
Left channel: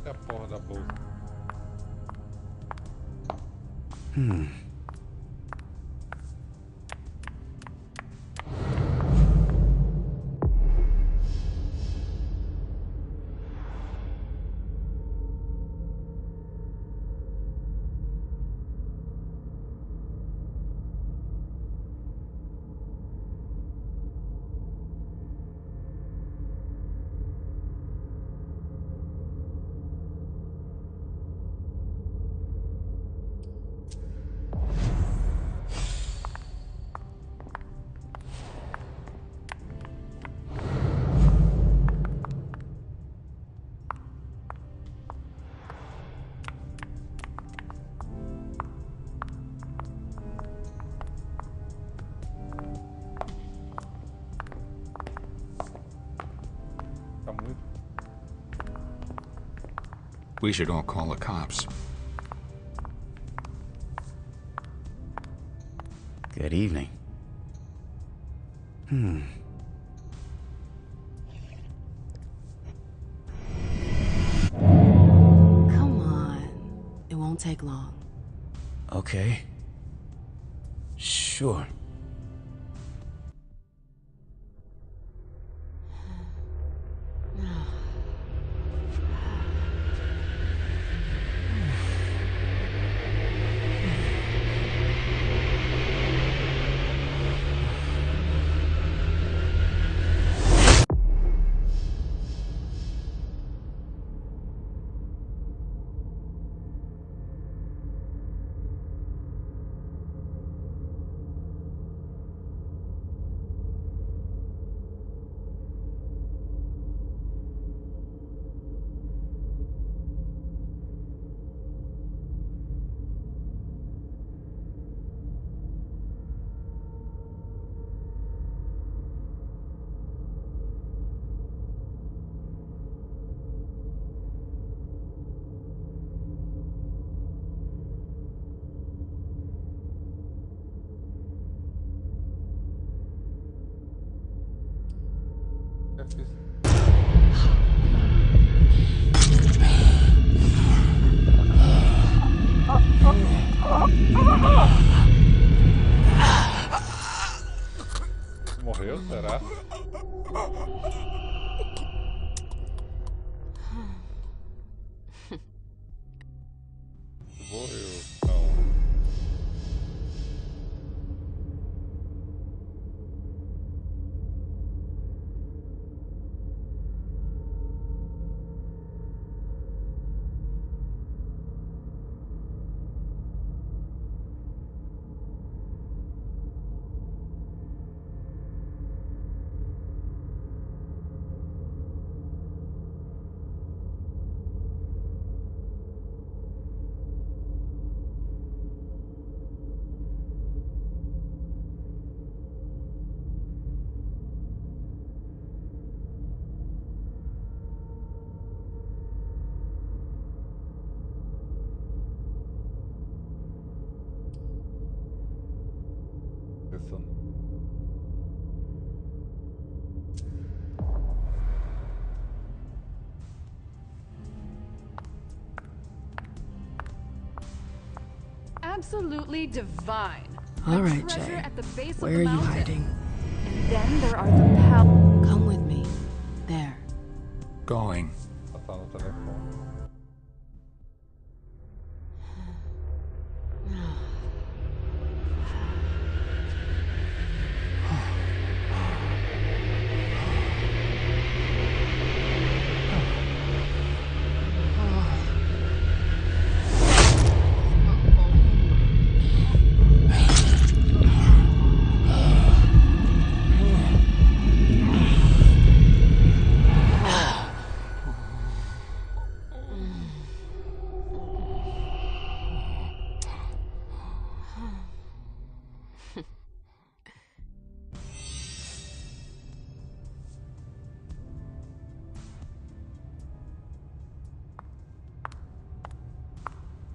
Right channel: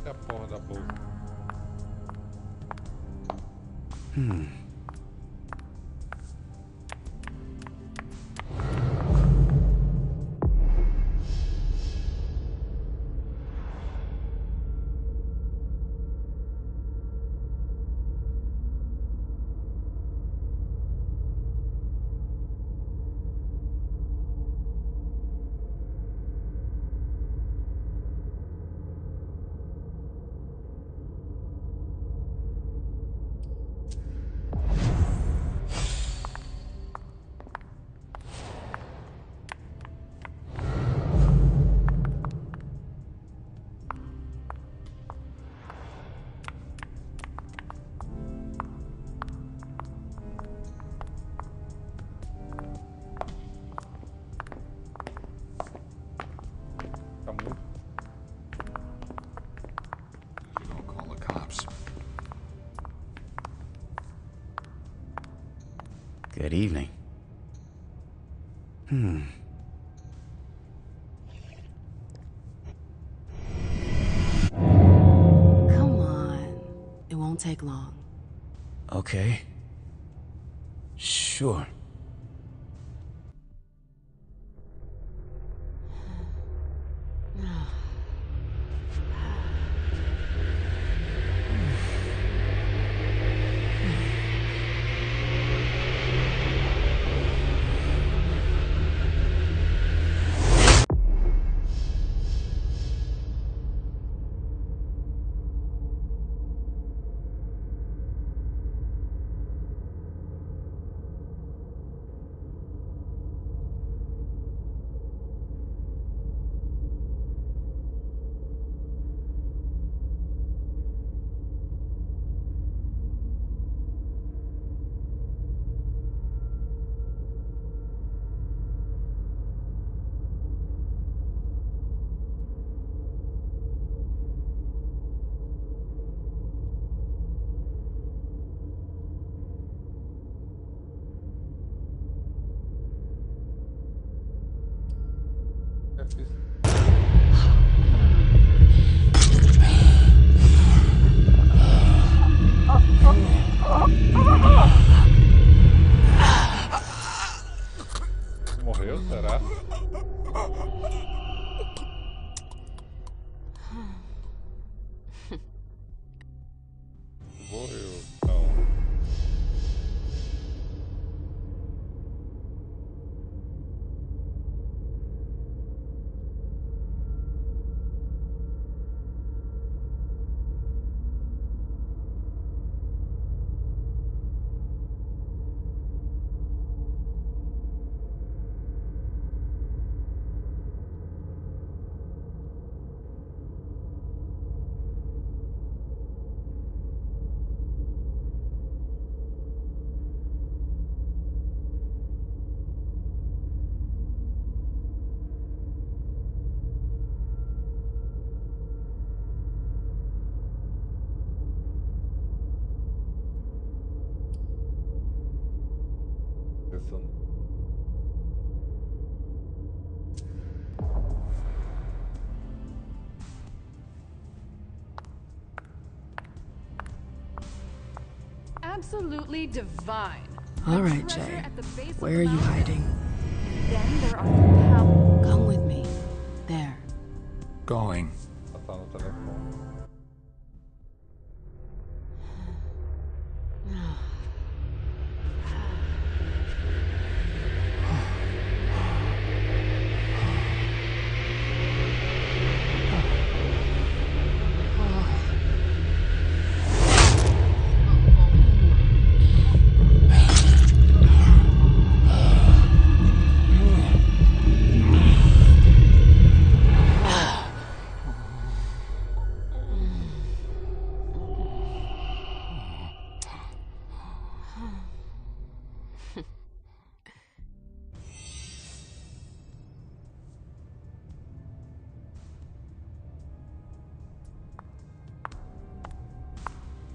É a porra da bolsa. We should all call the cops. Good evening. Come on. It won't take long. Okay. Sure. Morreu, será? Morreu, não. Listen. Absolutely divine. All right, Treasure Jay. at the base of Where the are you mountain. hiding? And then there are the Come with me. There. Going. Tá no telefone.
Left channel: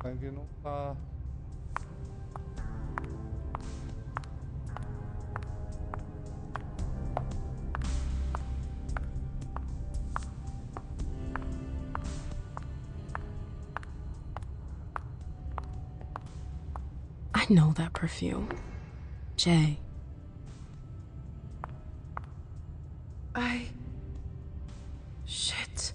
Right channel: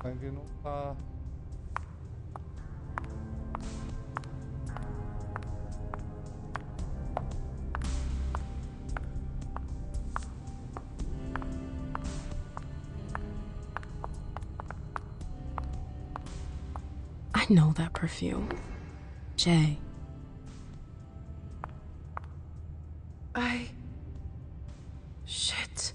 Sangue não tá. I know that perfume. Jay. Shit.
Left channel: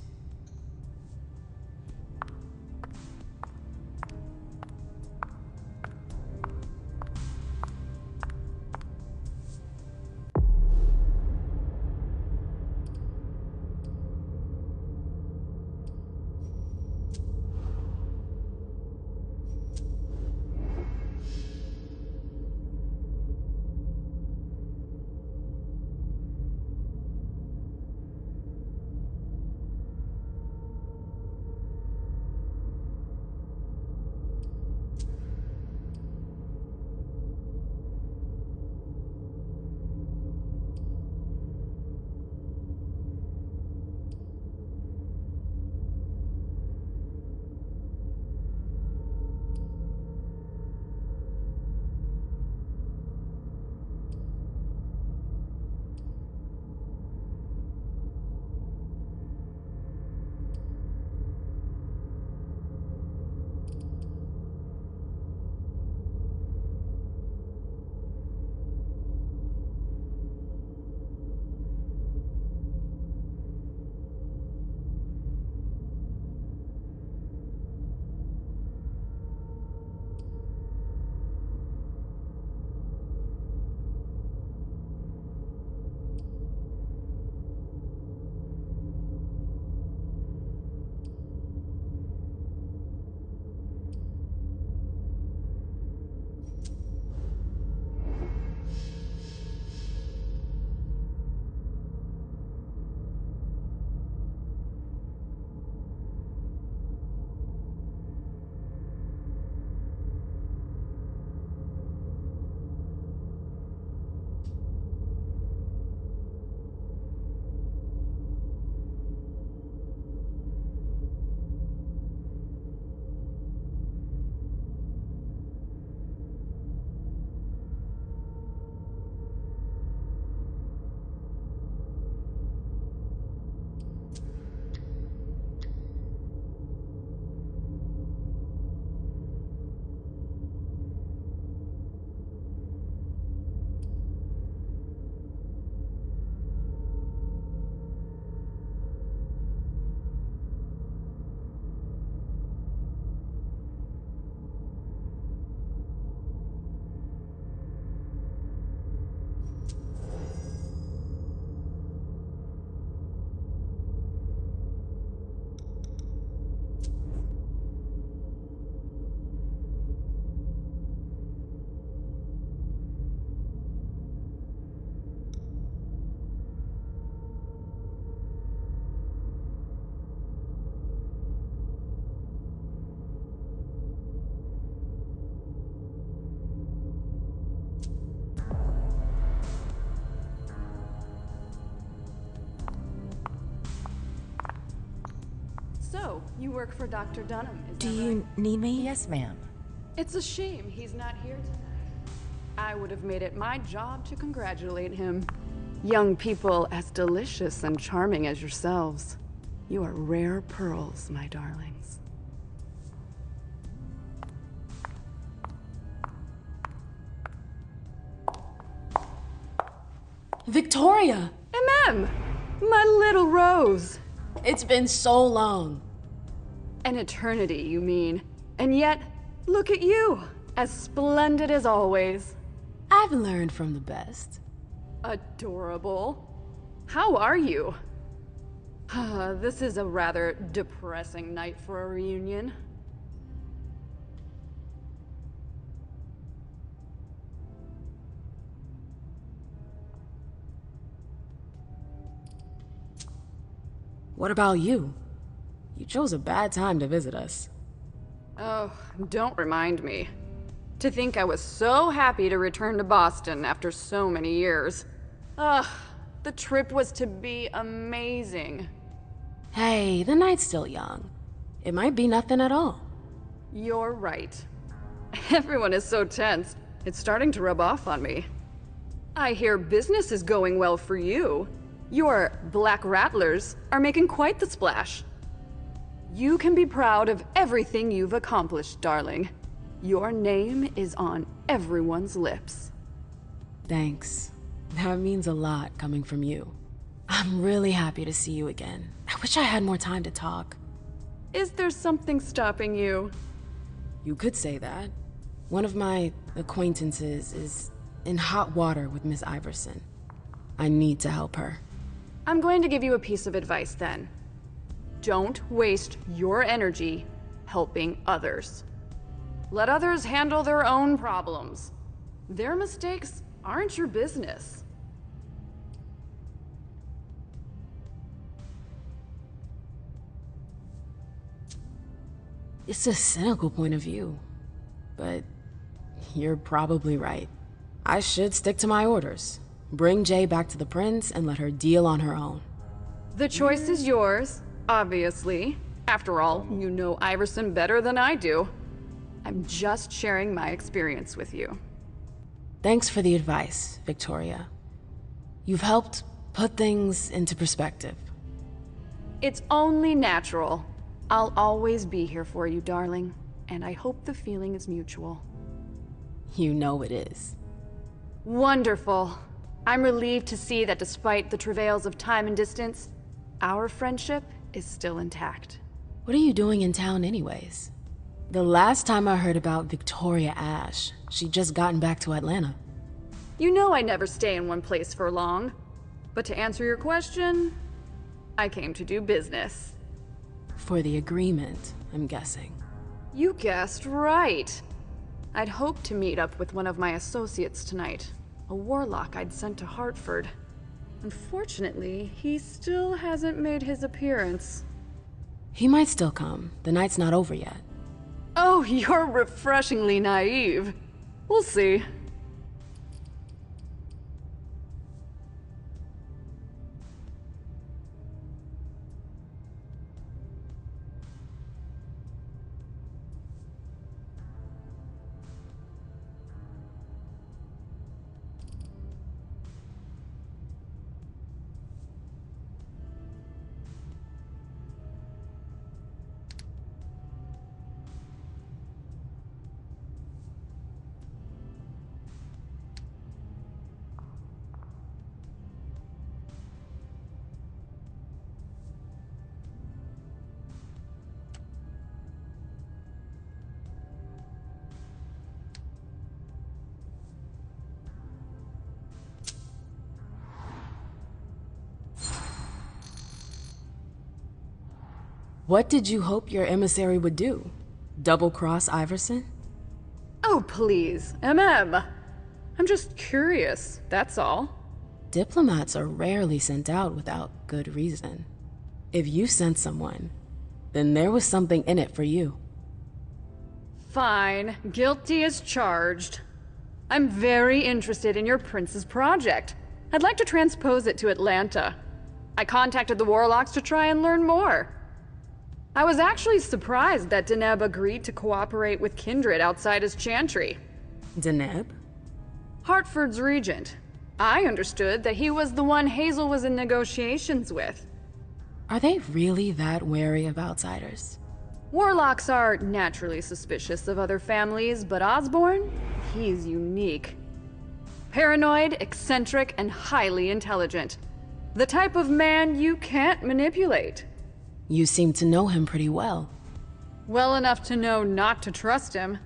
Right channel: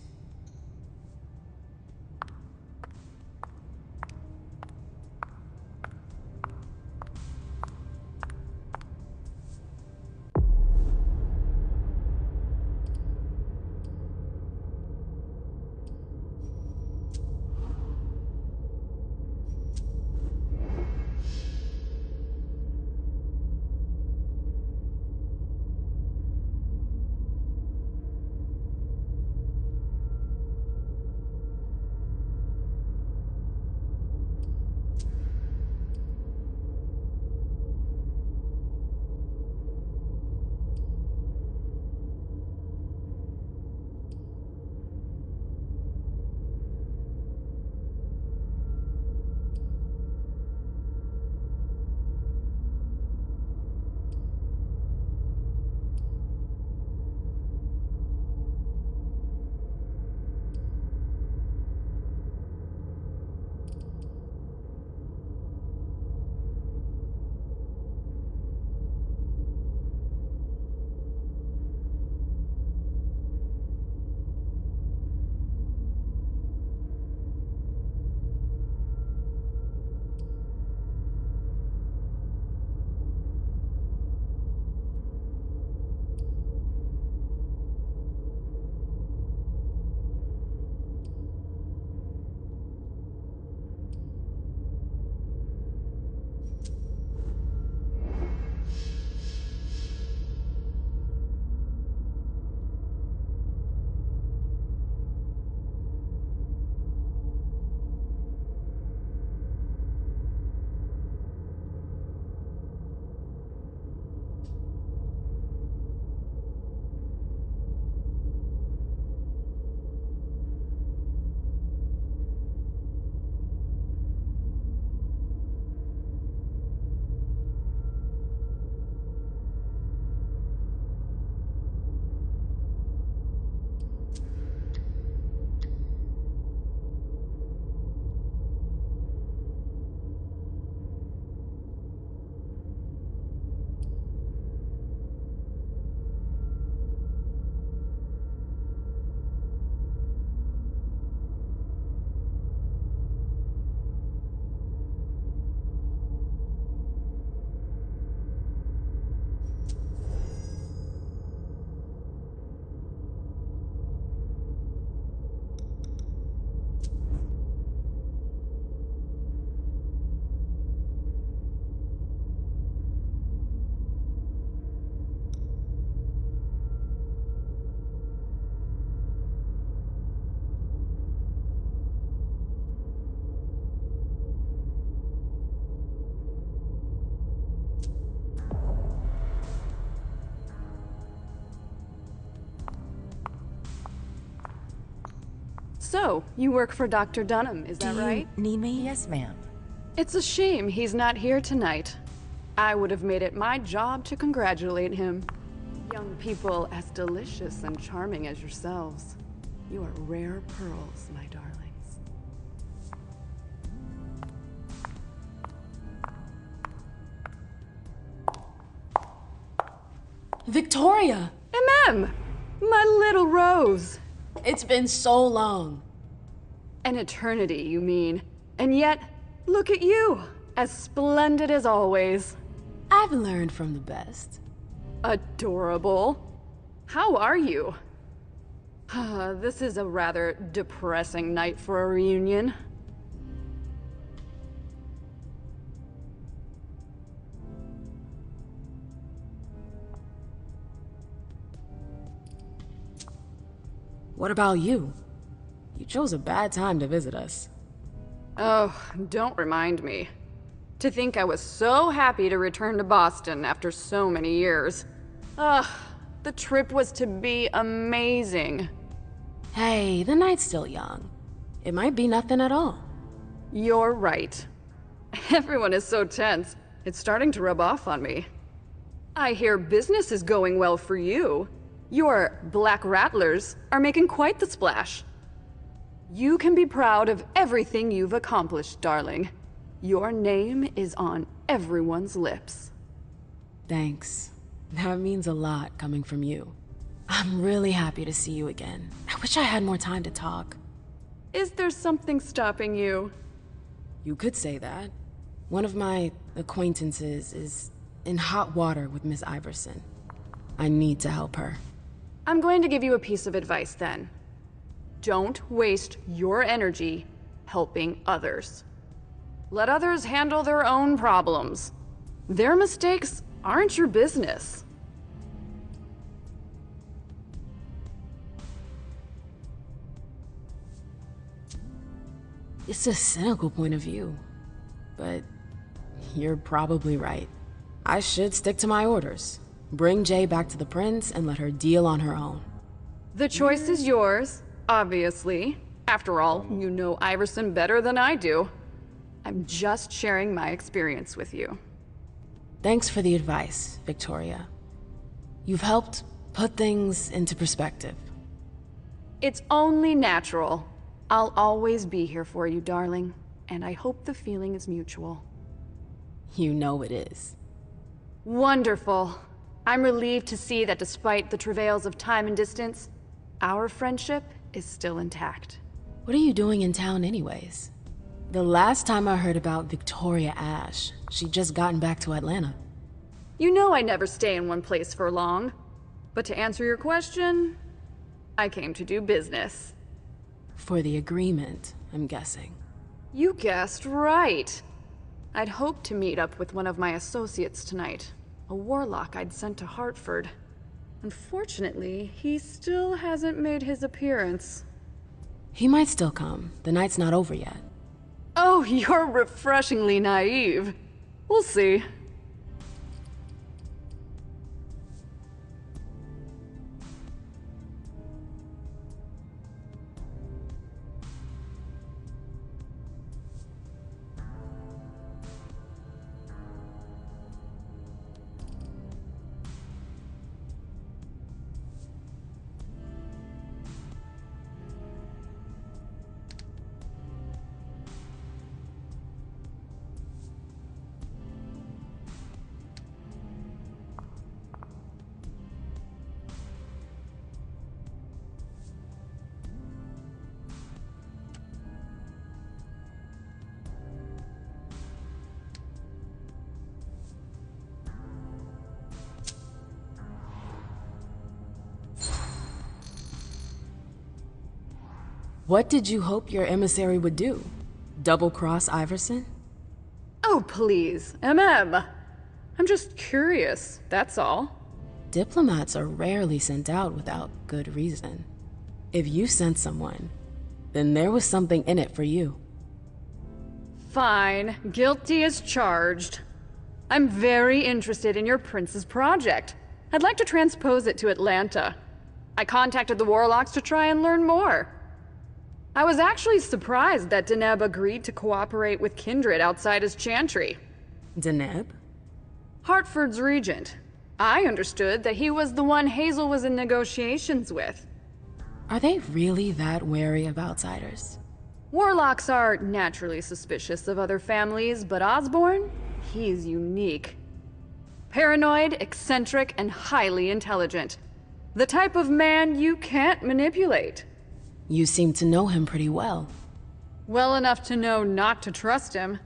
So, you work for Dr. Dunham, is that right? Do you need me? Yes, ma'am. It's a shame he's not here tonight. I would have made it my job to congratulate him. Young people as delicious and charming as yourselves. You are rare pearls, my darlings. Victoria! My little rose! It's been so long. An eternity, you mean. And yet, look at you! As splendid as always. I've learned from the best. Adorable. How are you? This is a rather depressing night for a reunion. What about you? You chose a bad time to visit us. Oh, don't remind me. To think I was so happy to return to Boston after so many years. Ugh, the trip was to be amazing. Hey, the night's still young. It might be nothing at all. You're right. Everyone is so tense. It's starting to rub off on me. I hear business is going well for you. Your Black Rattlers are making quite the splash. You can be proud of everything you've accomplished, darling. Your name is on everyone's lips. Thanks. That means a lot coming from you. I'm really happy to see you again. I wish I had more time to talk. Is there something stopping you? You could say that. One of my acquaintances is in hot water with Miss Iverson. I need to help her. I'm going to give you a piece of advice then. Don't waste your energy helping others. Let others handle their own problems. Their mistakes aren't your business. It's a cynical point of view, but you're probably right. I should stick to my orders. Bring Jay back to the Prince and let her deal on her own. The choice is yours, obviously. After all, you know Iverson better than I do. I'm just sharing my experience with you. Thanks for the advice, Victoria. You've helped put things into perspective. It's only natural. I'll always be here for you, darling, and I hope the feeling is mutual. You know it is. Wonderful. I'm relieved to see that despite the travails of time and distance, our friendship is still intact. What are you doing in town anyways? The last time I heard about Victoria Ash, she'd just gotten back to Atlanta. You know I never stay in one place for long. But to answer your question, I came to do business. For the agreement, I'm guessing. You guessed right. I'd hoped to meet up with one of my associates tonight, a warlock I'd sent to Hartford. Unfortunately, he still hasn't made his appearance. He might still come. The night's not over yet. Oh, you're refreshingly naive. We'll see. What did you hope your emissary would do? Double-cross Iverson? Oh, please, MM. I'm just curious, that's all. Diplomats are rarely sent out without good reason. If you sent someone, then there was something in it for you. Fine, guilty as charged. I'm very interested in your prince's project. I'd like to transpose it to Atlanta. I contacted the warlocks to try and learn more. I was actually surprised that Deneb agreed to cooperate with Kindred outside his chantry. Deneb? Hartford's regent. I understood that he was the one Hazel was in negotiations with. Are they really that wary of outsiders? Warlocks are naturally suspicious of other families, but Osborne? He's unique. Paranoid, eccentric, and highly intelligent. The type of man you can't manipulate. You seem to know him pretty well. Well enough to know not to trust him.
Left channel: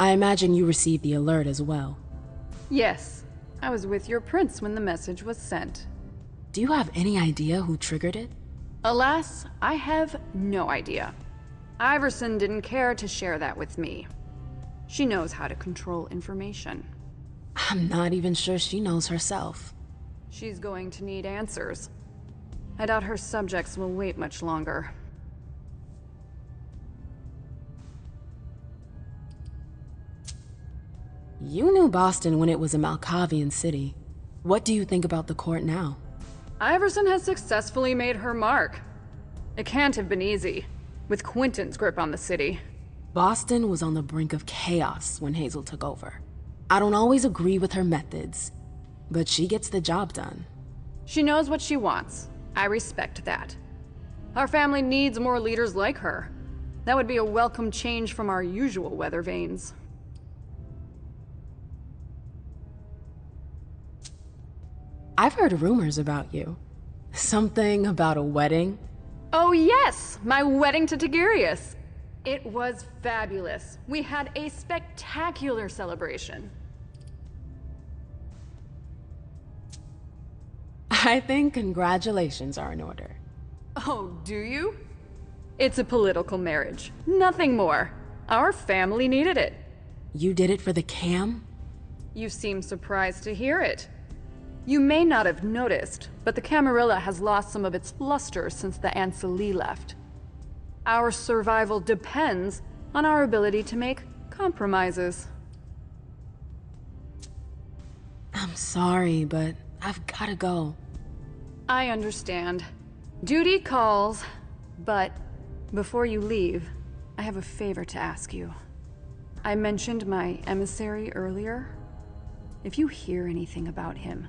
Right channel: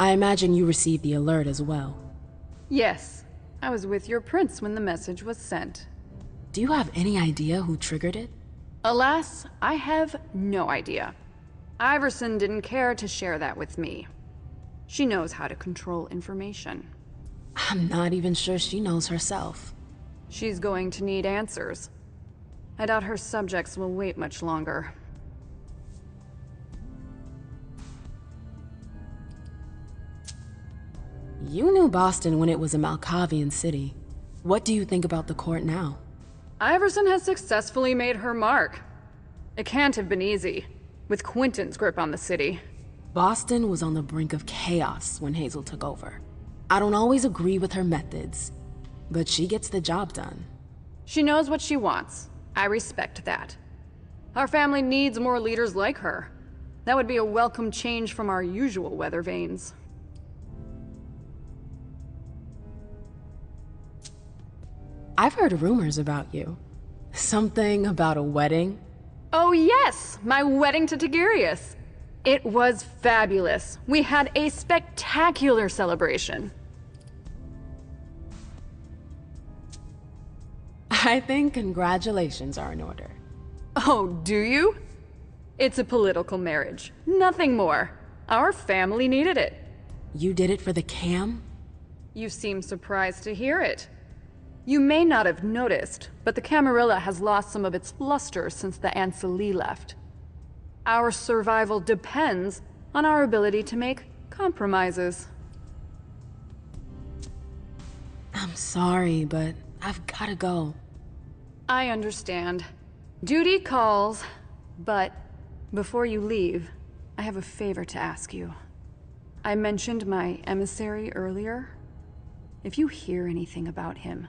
I imagine you received the alert as well. Yes, I was with your prince when the message was sent. Do you have any idea who triggered it? Alas, I have no idea. Iverson didn't care to share that with me. She knows how to control information. I'm not even sure she knows herself. She's going to need answers. I doubt her subjects will wait much longer. You knew Boston when it was a Malkavian city. What do you think about the court now? Iverson has successfully made her mark. It can't have been easy, with Quentin's grip on the city. Boston was on the brink of chaos when Hazel took over. I don't always agree with her methods, but she gets the job done. She knows what she wants. I respect that. Our family needs more leaders like her. That would be a welcome change from our usual weather vanes. I've heard rumors about you. Something about a wedding? Oh yes, my wedding to Tigurius. It was fabulous. We had a spectacular celebration. I think congratulations are in order. Oh, do you? It's a political marriage, nothing more. Our family needed it. You did it for the cam? You seem surprised to hear it. You may not have noticed, but the Camarilla has lost some of its luster since the Ancili left. Our survival depends on our ability to make compromises. I'm sorry, but I've gotta go. I understand. Duty calls, but before you leave, I have a favor to ask you. I mentioned my emissary earlier. If you hear anything about him,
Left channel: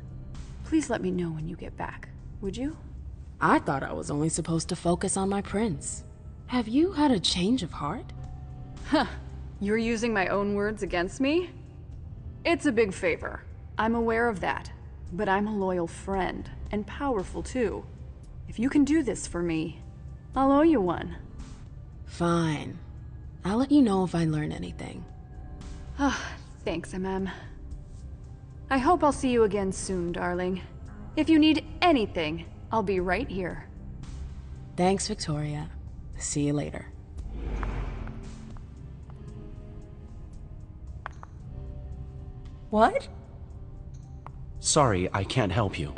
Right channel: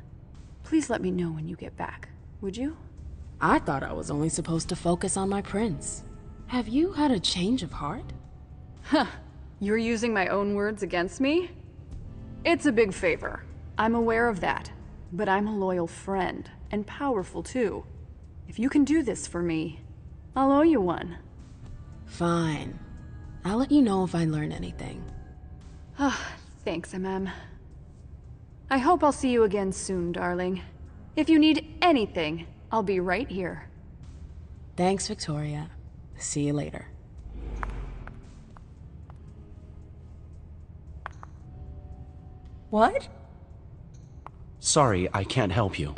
please let me know when you get back, would you? I thought I was only supposed to focus on my prince. Have you had a change of heart? Huh. You're using my own words against me? It's a big favor. I'm aware of that. But I'm a loyal friend, and powerful too. If you can do this for me, I'll owe you one. Fine. I'll let you know if I learn anything. Thanks, MM. I hope I'll see you again soon, darling. If you need anything, I'll be right here. Thanks, Victoria. See you later. What? Sorry, I can't help you.